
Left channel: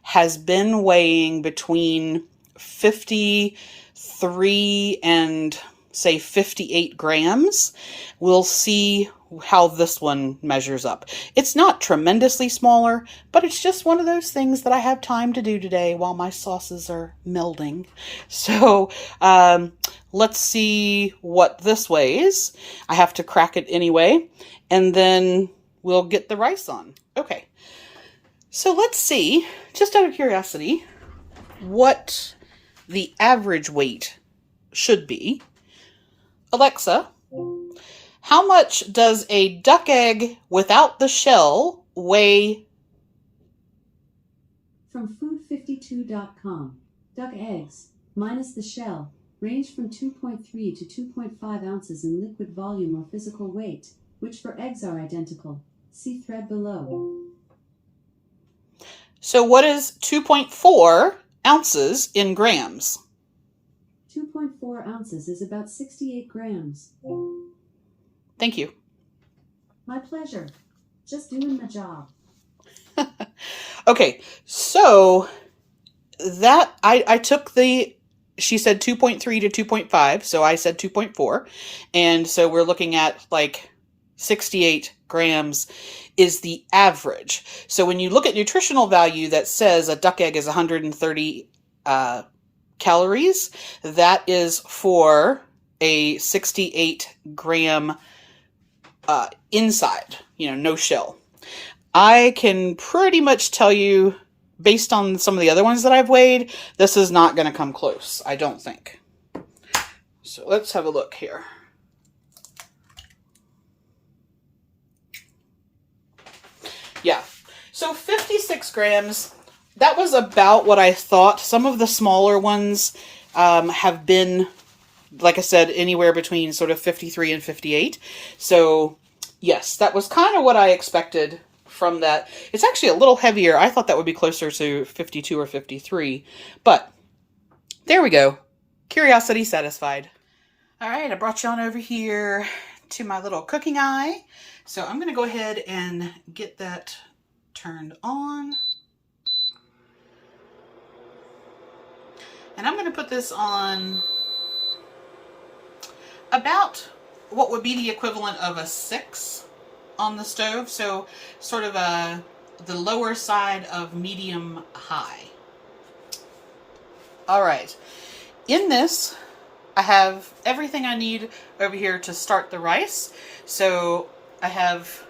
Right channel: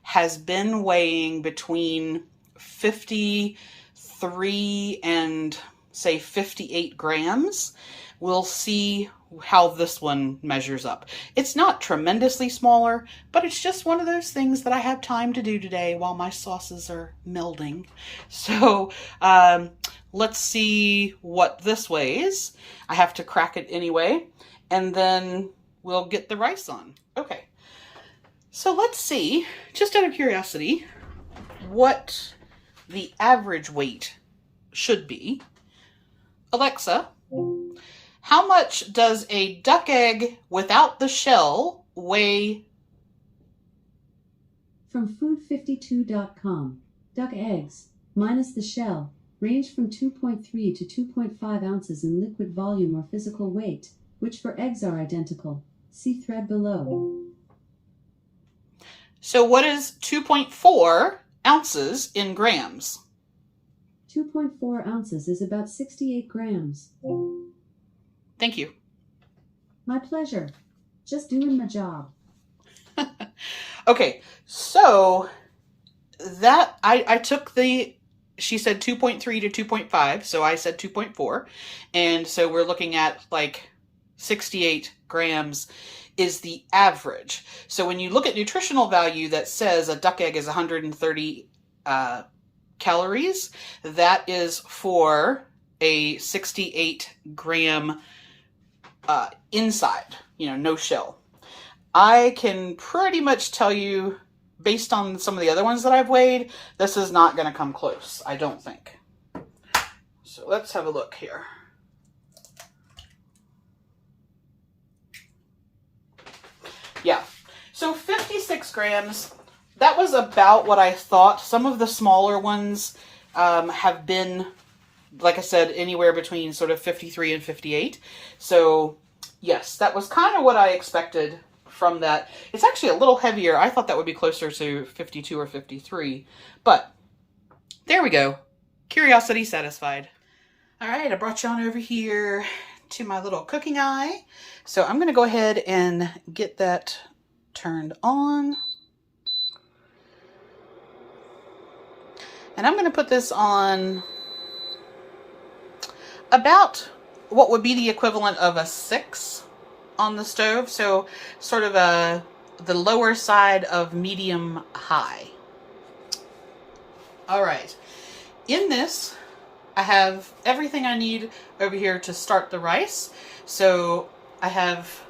has been weighing between 53 and say 58 grams. We'll see how this one measures up. It's not tremendously smaller, but it's just one of those things that I have time to do today while my sauces are melding. So let's see what this weighs. I have to crack it anyway, and then we'll get the rice on. Okay, so let's see, just out of curiosity, what the average weight should be. Alexa, how much does a duck egg without the shell weigh? From food52.com, duck eggs, minus the shell, range from 2.3 to 2.5 ounces in liquid volume or physical weight, which for eggs are identical. See thread below. So what is 2.4 ounces in grams? 2.4 ounces is about 68 grams. Thank you. My pleasure. Just doing my job. Okay, so that I took she said 2.3 to 2.5, so I said 2.4. And so we're looking at like 68 grams is the average. So when you look at nutritional value that says a duck egg is 130 calories, that is for a 68 gram inside, no shell. I can pretty much tell you, based on some of the other ones that I've weighed, this is not going to come close, I don't think. So let's have a look here. Yeah. So 56 grams, that was about what I thought. Some of the smaller ones have been, like I said, anywhere between sort of 53 and 58. So yes, that was kind of what I expected from that. It's actually a little heavier. I thought that would be closer to 52 or 53, but there we go. Curiosity satisfied. All right, I brought you on over here to my little cooking eye. So I'm going to go ahead and get that turned on. And I'm going to put this on about what would be the equivalent of a 6 on the stove. So sort of the lower side of medium high. All right. In this, I have everything I need over here to start the rice. So I have,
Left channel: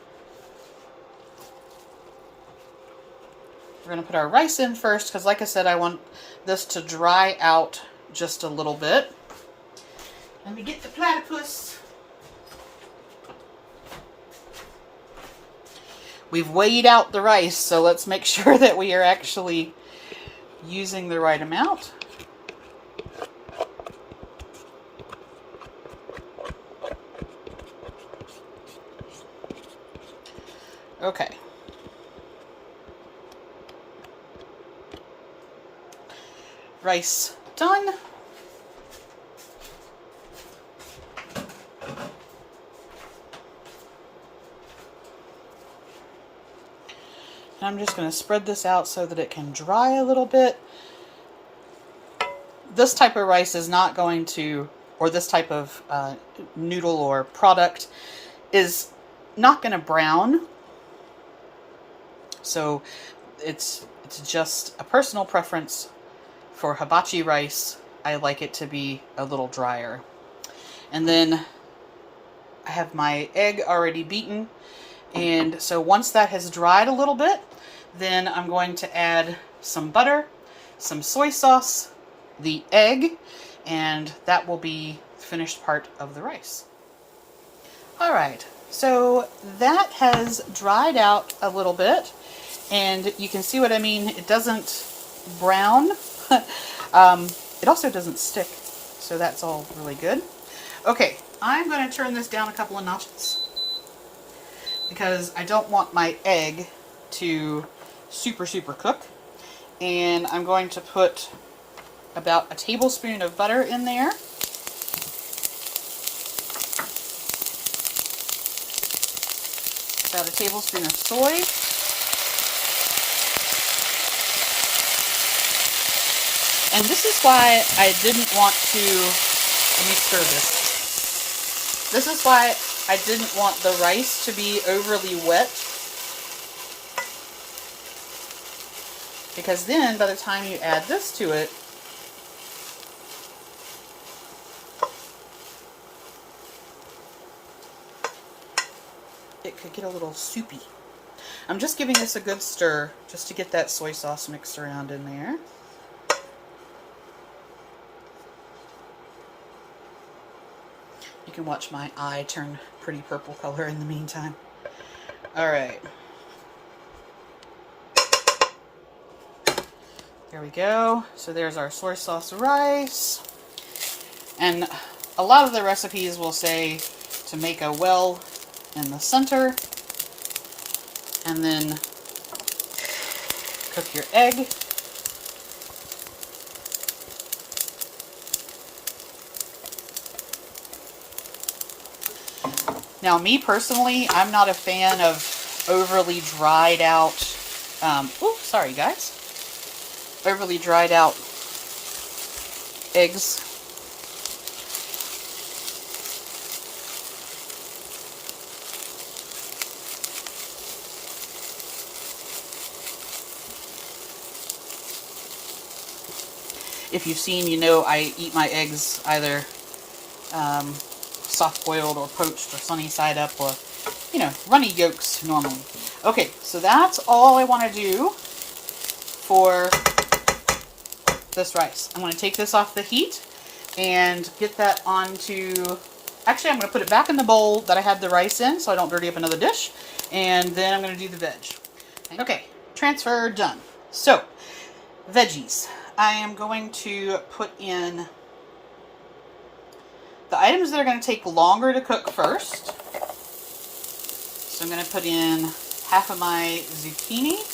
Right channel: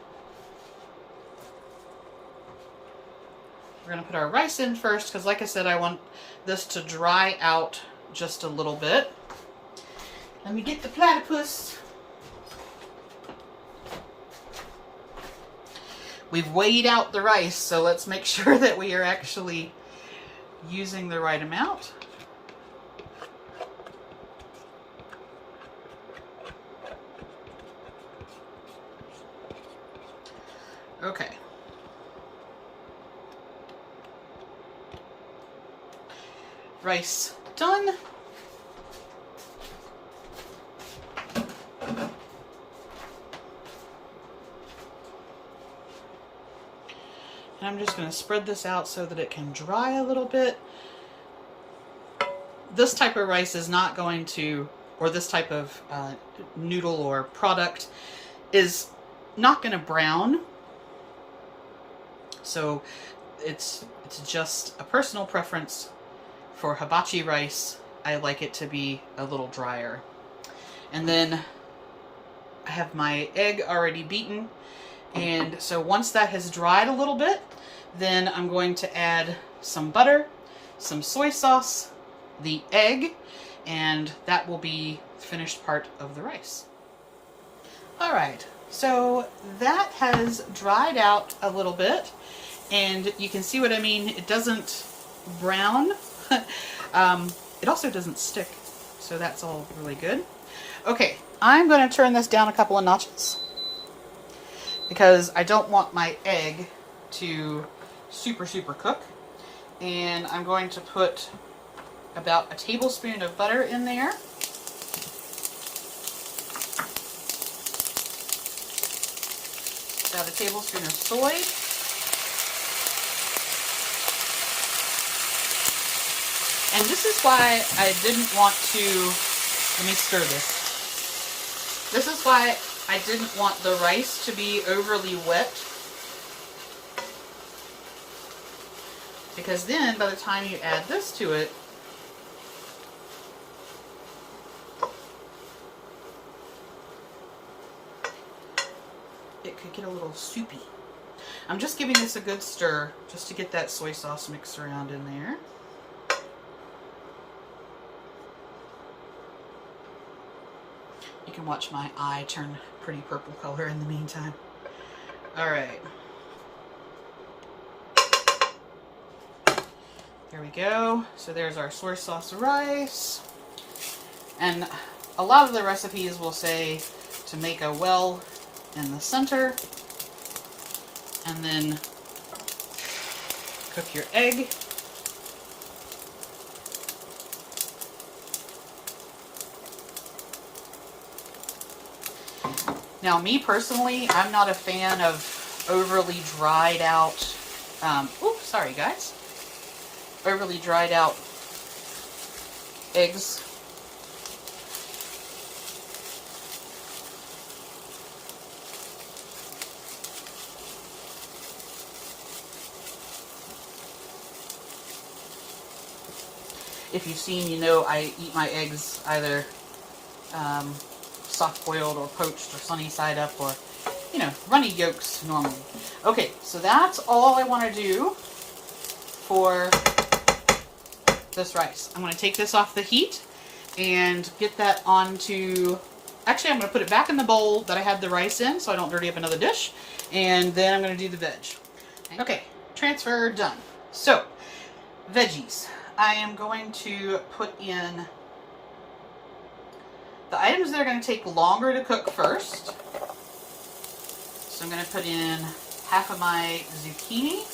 we're going to put our rice in first because, like I said, I want this to dry out just a little bit. Let me get the platypus. We've weighed out the rice, so let's make sure that we are actually using the right amount. Okay. Rice done. And I'm just going to spread this out so that it can dry a little bit. This type of rice is not going to, or this type of noodle or product is not going to brown. So it's just a personal preference for hibachi rice. I like it to be a little drier. And then I have my egg already beaten. And so once that has dried a little bit, then I'm going to add some butter, some soy sauce, the egg, and that will be the finished part of the rice. All right, so that has dried out a little bit, and you can see what I mean. It doesn't brown. It also doesn't stick, so that's all really good. Okay, I'm going to turn this down a couple of notches because I don't want my egg to super cook. And I'm going to put about a tablespoon of butter in there. About a tablespoon of soy. And this is why I didn't want to, let me stir this. This is why I didn't want the rice to be overly wet. Because then by the time you add this to it, it could get a little soupy. I'm just giving this a good stir just to get that soy sauce mixed around in there. You can watch my eye turn pretty purple color in the meantime. All right. There we go. So there's our soy sauce rice. And a lot of the recipes will say to make a well in the center and then cook your egg. Now, me personally, I'm not a fan of overly dried out, sorry guys, overly dried out eggs. If you've seen, you know I eat my eggs either soft-boiled or poached or sunny side up, or, you know, runny yolks normally. Okay, so that's all I want to do for this rice. I'm going to take this off the heat and get that onto, actually I'm going to put it back in the bowl that I had the rice in so I don't dirty up another dish, and then I'm going to do the veg. Okay, transfer done. So, veggies. I am going to put in the items that are going to take longer to cook first. So I'm going to put in half of my zucchini.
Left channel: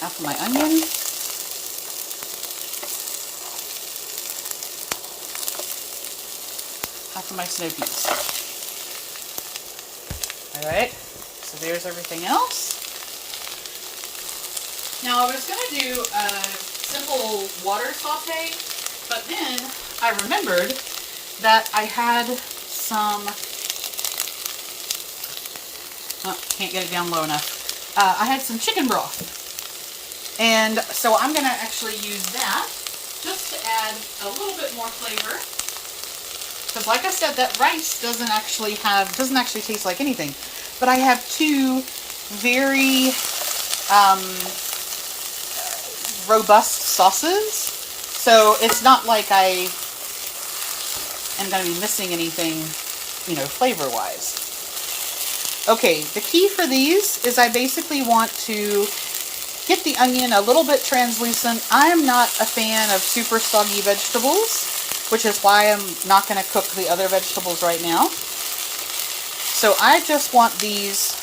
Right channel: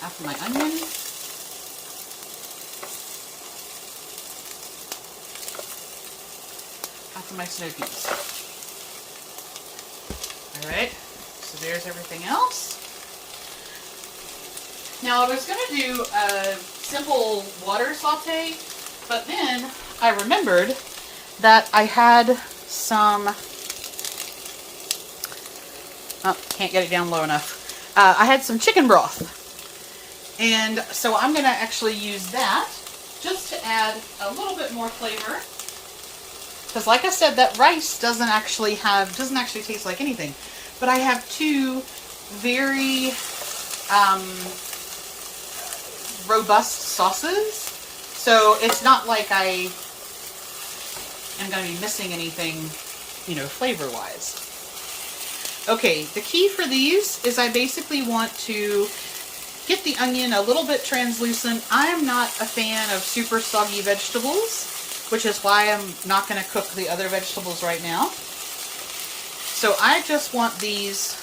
Half of my onion. Half of my snow peas. Alright, so there's everything else. Now I was going to do a simple water saute, but then I remembered that I had some, oh, can't get it down low enough. I had some chicken broth. And so I'm going to actually use that just to add a little bit more flavor. Because like I said, that rice doesn't actually taste like anything. But I have two very robust sauces. So it's not like I am going to be missing anything, you know, flavor-wise. Okay, the key for these is I basically want to get the onion a little bit translucent. I am not a fan of super soggy vegetables, which is why I'm not going to cook the other vegetables right now. So I just want these,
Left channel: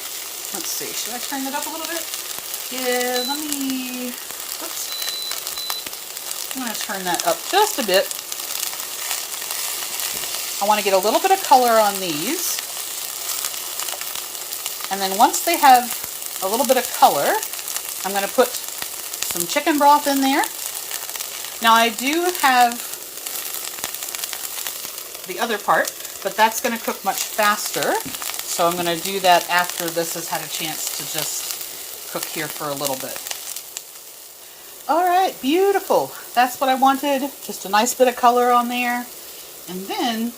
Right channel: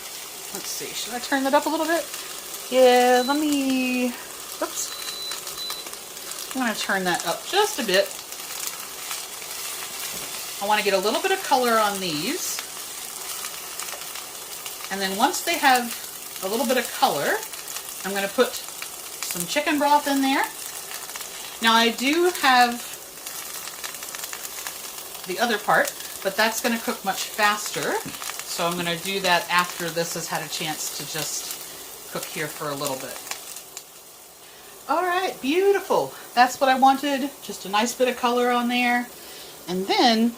let's see, should I turn that up a little bit? Yeah, let me, oops. I'm going to turn that up just a bit. I want to get a little bit of color on these. And then once they have a little bit of color, I'm going to put some chicken broth in there. Now I do have the other part, but that's going to cook much faster. So I'm going to do that after this has had a chance to just cook here for a little bit. Alright, beautiful. That's what I wanted. Just a nice bit of color on there. And then,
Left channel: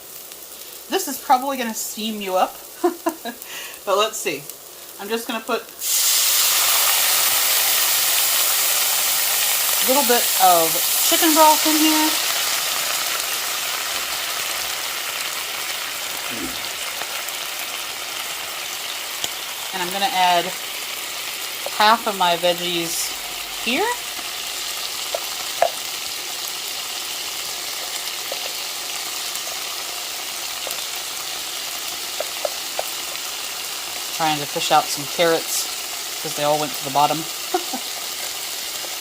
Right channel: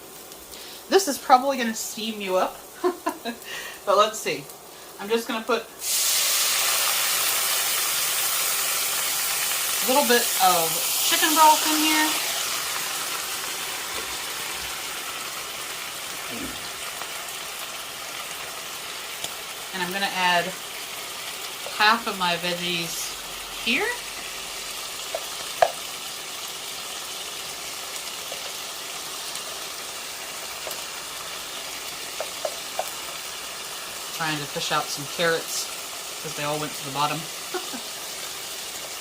this is probably going to steam you up. But let's see. I'm just going to put a little bit of chicken broth in here. And I'm going to add half of my veggies here. Trying to fish out some carrots because they all went to the bottom.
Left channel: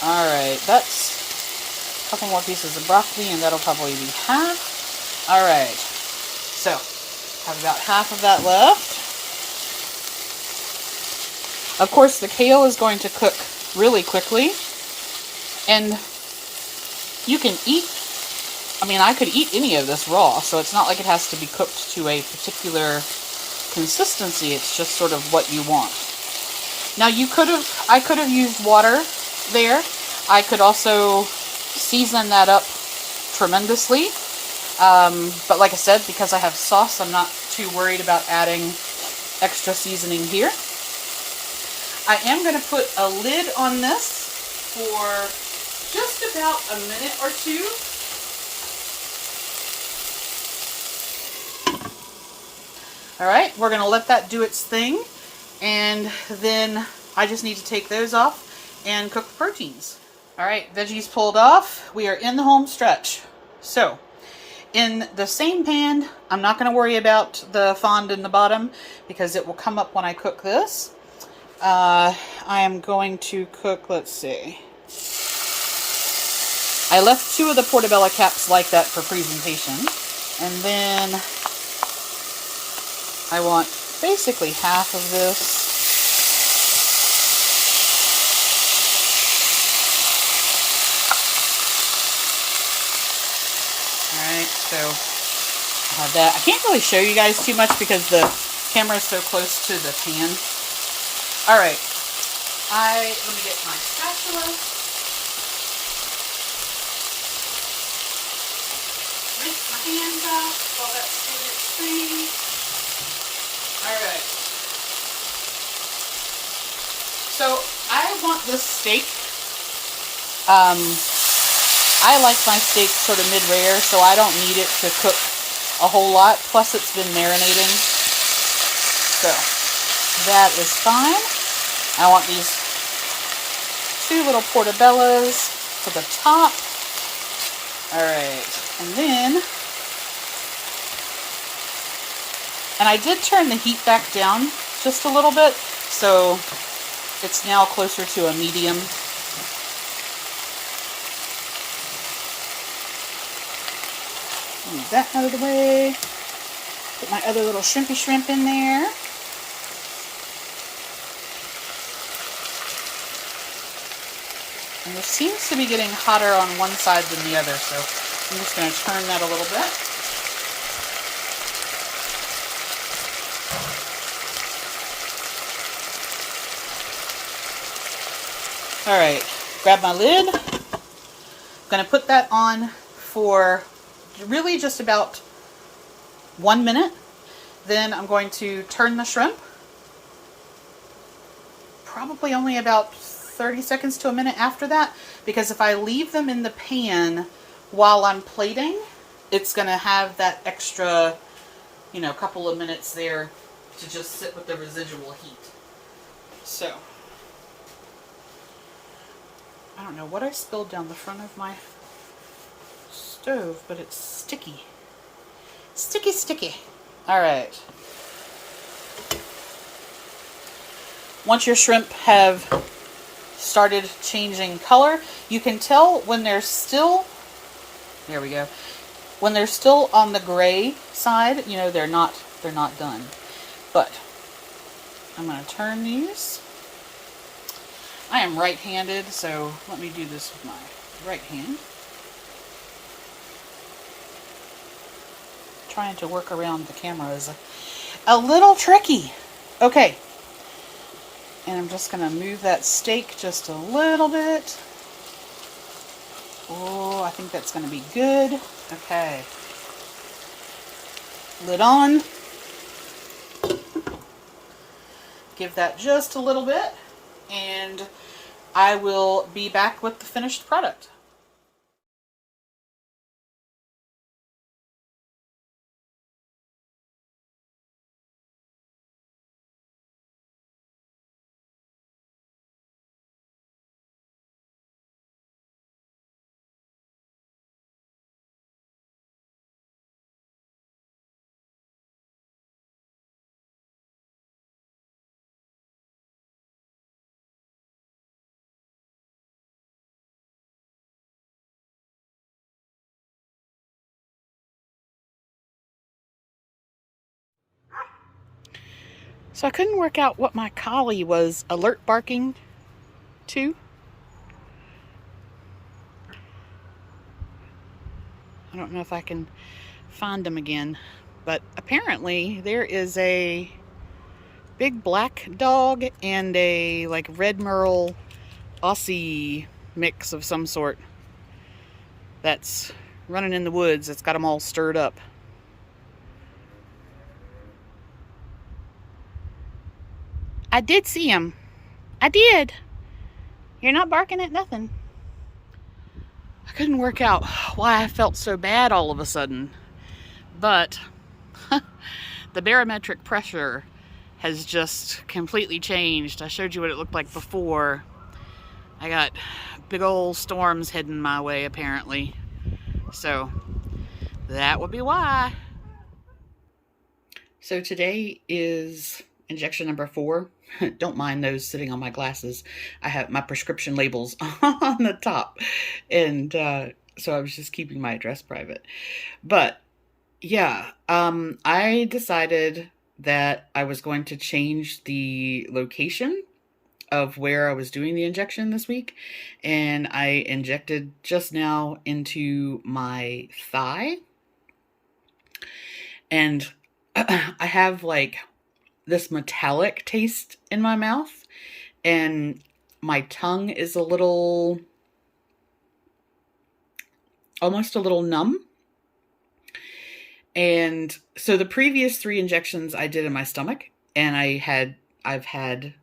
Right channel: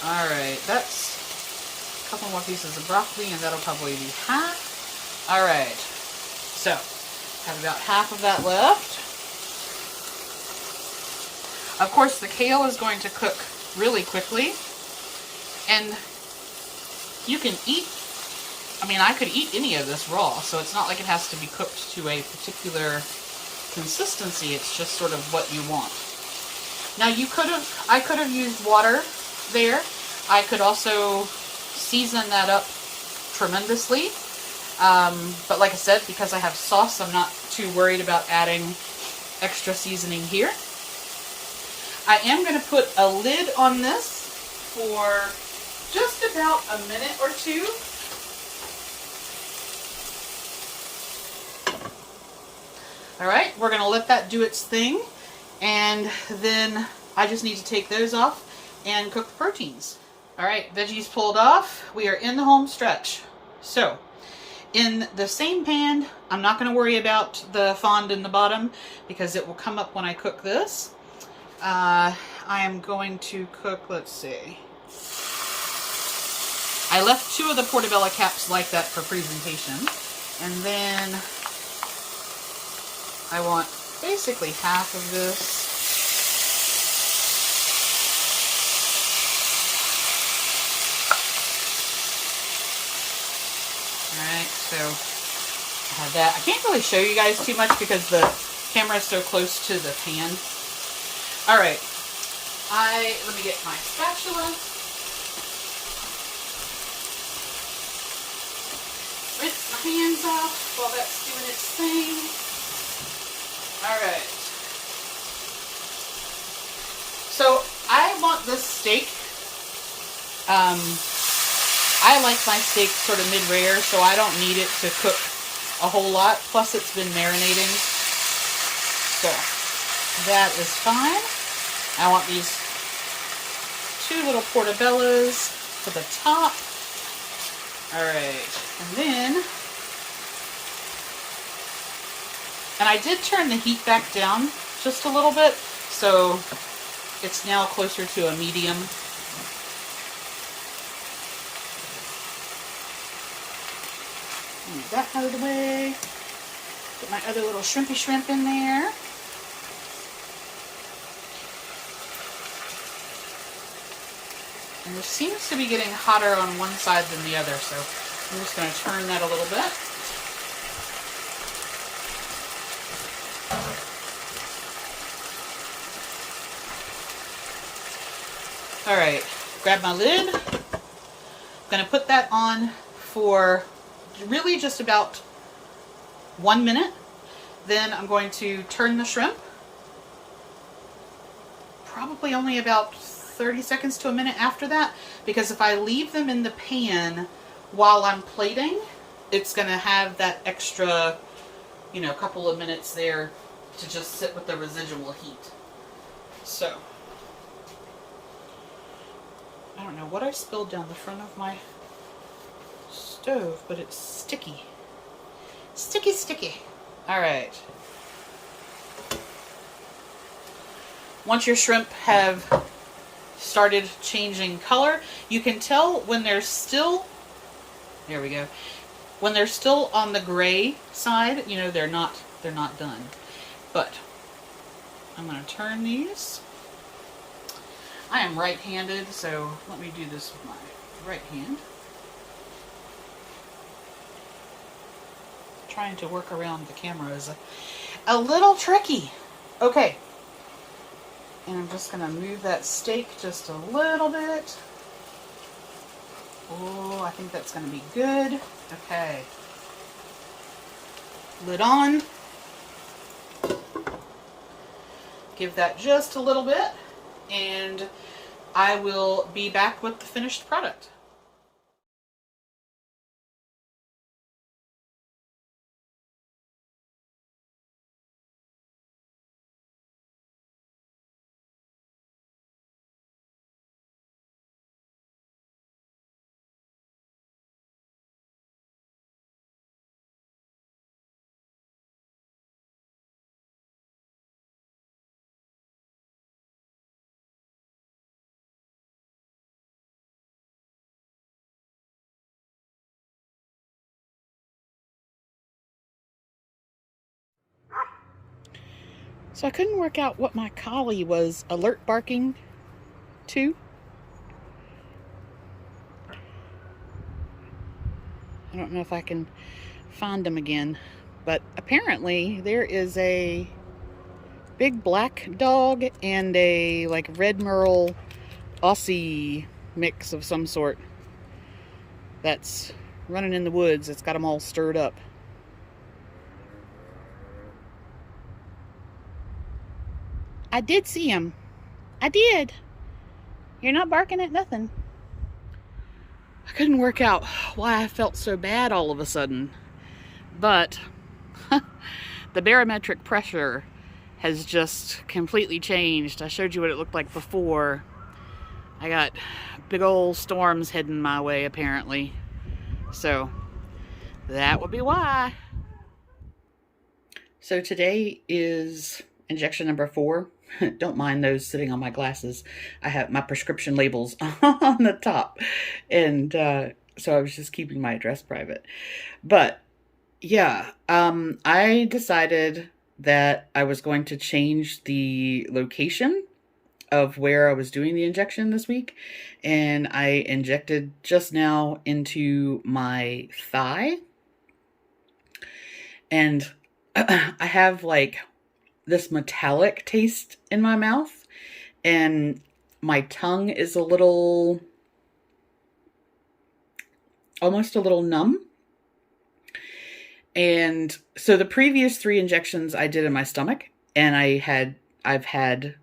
Alright, that's a couple more pieces of broccoli and that'll probably be half. Alright, so I have about half of that left. Of course, the kale is going to cook really quickly, and you can eat, I mean, I could eat any of this raw, so it's not like it has to be cooked to a particular consistency. It's just sort of what you want. Now I could have used water there. I could also season that up tremendously. But like I said, because I have sauce, I'm not too worried about adding extra seasoning here. I am going to put a lid on this for just about a minute or two. Alright, we're going to let that do its thing, and then I just need to take those off and cook the proteins. Alright, veggies pulled off. We are in the home stretch. So, in the same pan, I'm not going to worry about the fond in the bottom because it will come up when I cook this. I am going to cook, let's see. I left two of the Portabello caps like that for presentation, and then I want basically half of this. Alright, so I have that. I can't really show you guys too much because the camera is so close to the pan. Alright, let me get my spatula. Rinse my hands off while that's doing its thing. Alright. So, I want this steak I like my steak sort of mid-rare, so I don't need it to cook a whole lot. Plus, it's been marinating. So, that is fine. I want these 2 little portobellos for the top. Alright, and I did turn the heat back down just a little bit, so it's now closer to a medium. Move that out of the way. Put my other little shrimpy shrimp in there. And this seems to be getting hotter on one side than the other, so I'm just going to turn that a little bit. Alright, grab my lid. I'm going to put that on for really just about 1 minute. Then I'm going to turn the shrimp. Probably only about 30 seconds to a minute after that, because if I leave them in the pan while I'm plating, it's going to have that extra, couple of minutes there to just sit with the residual heat. So, I don't know what I spilled down the front of my stove, but it's sticky. Sticky, sticky. Alright. Once your shrimp have started changing color, you can tell when they're still, there we go, when they're still on the gray side, they're not done. But I'm going to turn these. I am right-handed, so let me do this with my right hand. Trying to work around the camera is a little tricky. Okay. And I'm just going to move that steak just a little bit. Oh, I think that's going to be good. Okay. Lid on. Give that just a little bit, and I will be back with the finished product. So I couldn't work out what my collie was alert barking to. I don't know if I can find him again, but apparently there is a big black dog and a red merle Aussie mix of some sort that's running in the woods. It's got them all stirred up. I did see him. I did. You're not barking at nothing. I couldn't work out why I felt so bad all of a sudden, but the barometric pressure has just completely changed. I showed you what it looked like before. I got big old storms heading my way, apparently. So that would be why. So today is injection number 4. Don't mind those sitting on my glasses. I have my prescription labels on the top. And so I was just keeping my address private. But yeah, I decided that I was going to change the location of where I was doing the injection this week. And I injected just now into my thigh. And I have this metallic taste in my mouth, and my tongue is almost a little numb. And so the previous 3 injections I did in my stomach, and I've had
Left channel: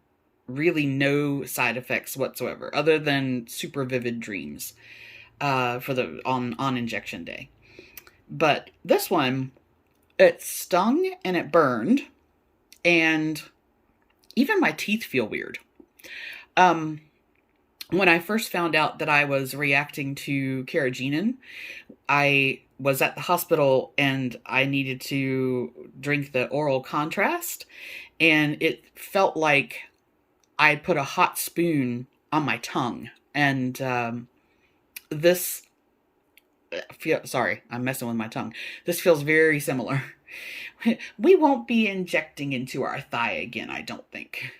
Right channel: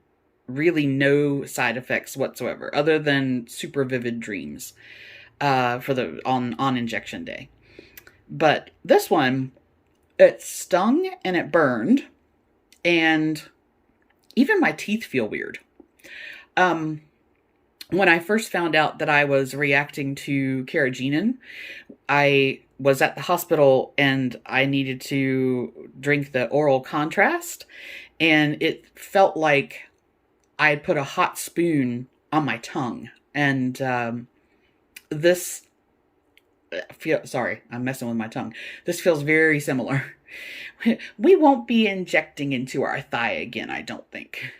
really no side effects whatsoever, other than super vivid dreams for the on injection day. But this one, it stung and it burned, and even my teeth feel weird. When I first found out that I was reacting to carrageenan, I was at the hospital and I needed to drink the oral contrast, and it felt like I had put a hot spoon on my tongue. And this sorry, I'm messing with my tongue. This feels very similar. We won't be injecting into our thigh again, I don't think.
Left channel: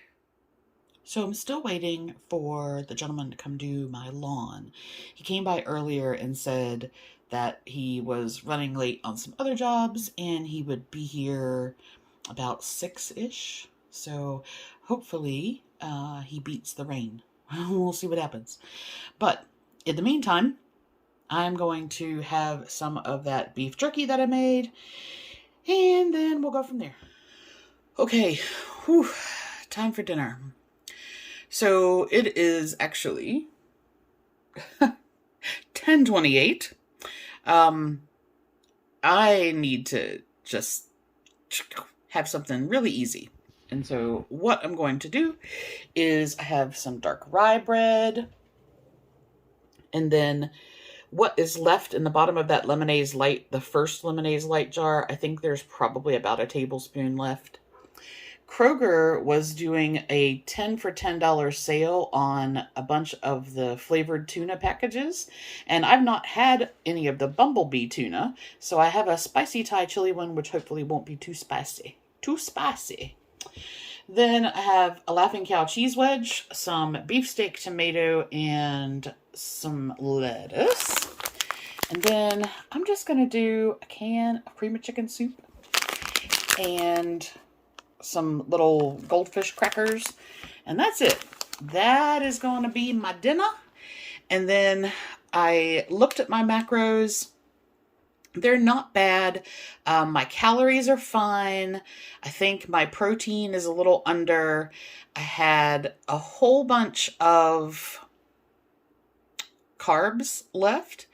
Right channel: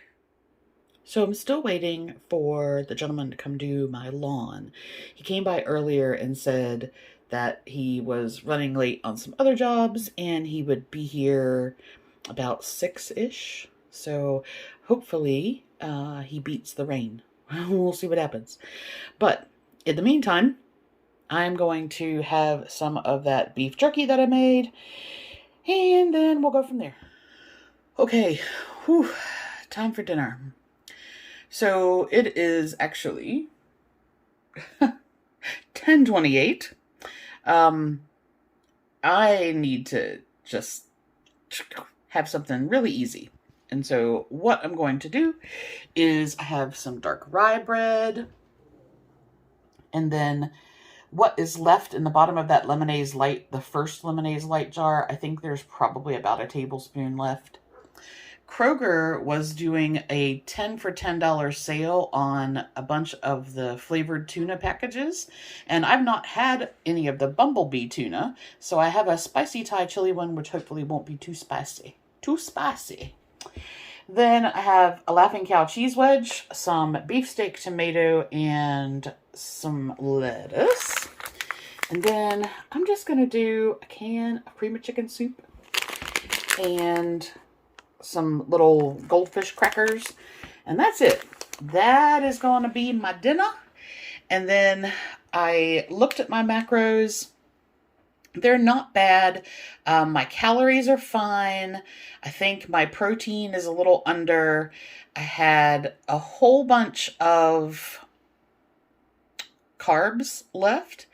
So I'm still waiting for the gentleman to come do my lawn. He came by earlier and said that he was running late on some other jobs and he would be here about 6-ish. So hopefully he beats the rain. We'll see what happens. But in the meantime, I'm going to have some of that beef jerky that I made, and then we'll go from there. Okay, whew, time for dinner. So it is actually 10:28. I need to just have something really easy. And so what I'm going to do is I have some dark rye bread, and then what is left in the bottom of that Lemonaise Lite, the first Lemonaise Lite jar, I think there's probably about a tablespoon left. Kroger was doing a 10 for $10 sale on a bunch of the flavored tuna packages, and I've not had any of the bumblebee tuna, so I have a spicy Thai chili one, which hopefully won't be too spicy. Then I have a Laughing Cow cheese wedge, some beefsteak tomato, and some lettuce. And then I'm just going to do a can of cream of chicken soup and some little goldfish crackers, and that's it. That is going to be my dinner. And then I looked at my macros. They're not bad. My calories are fine. I think my protein is a little under. I had a whole bunch of carbs left,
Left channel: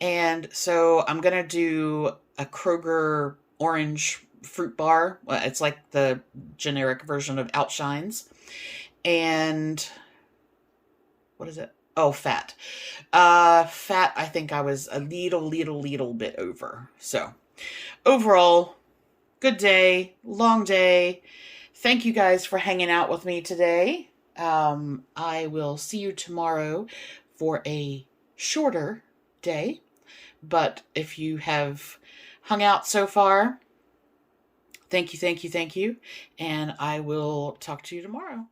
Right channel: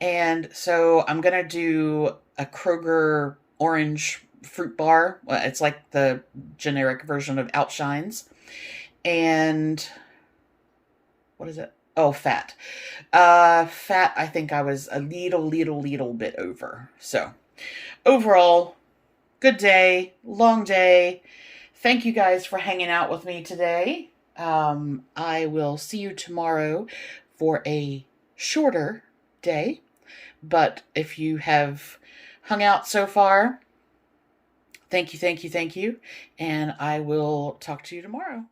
and so I'm gonna do a Kroger orange fruit bar. It's like the generic version of Outshines. And what is it? Oh, fat. Fat, I think I was a little bit over. So overall, good day, long day. Thank you guys for hanging out with me today. I will see you tomorrow for a shorter day. But if you have hung out so far, thank you. And I will talk to you tomorrow.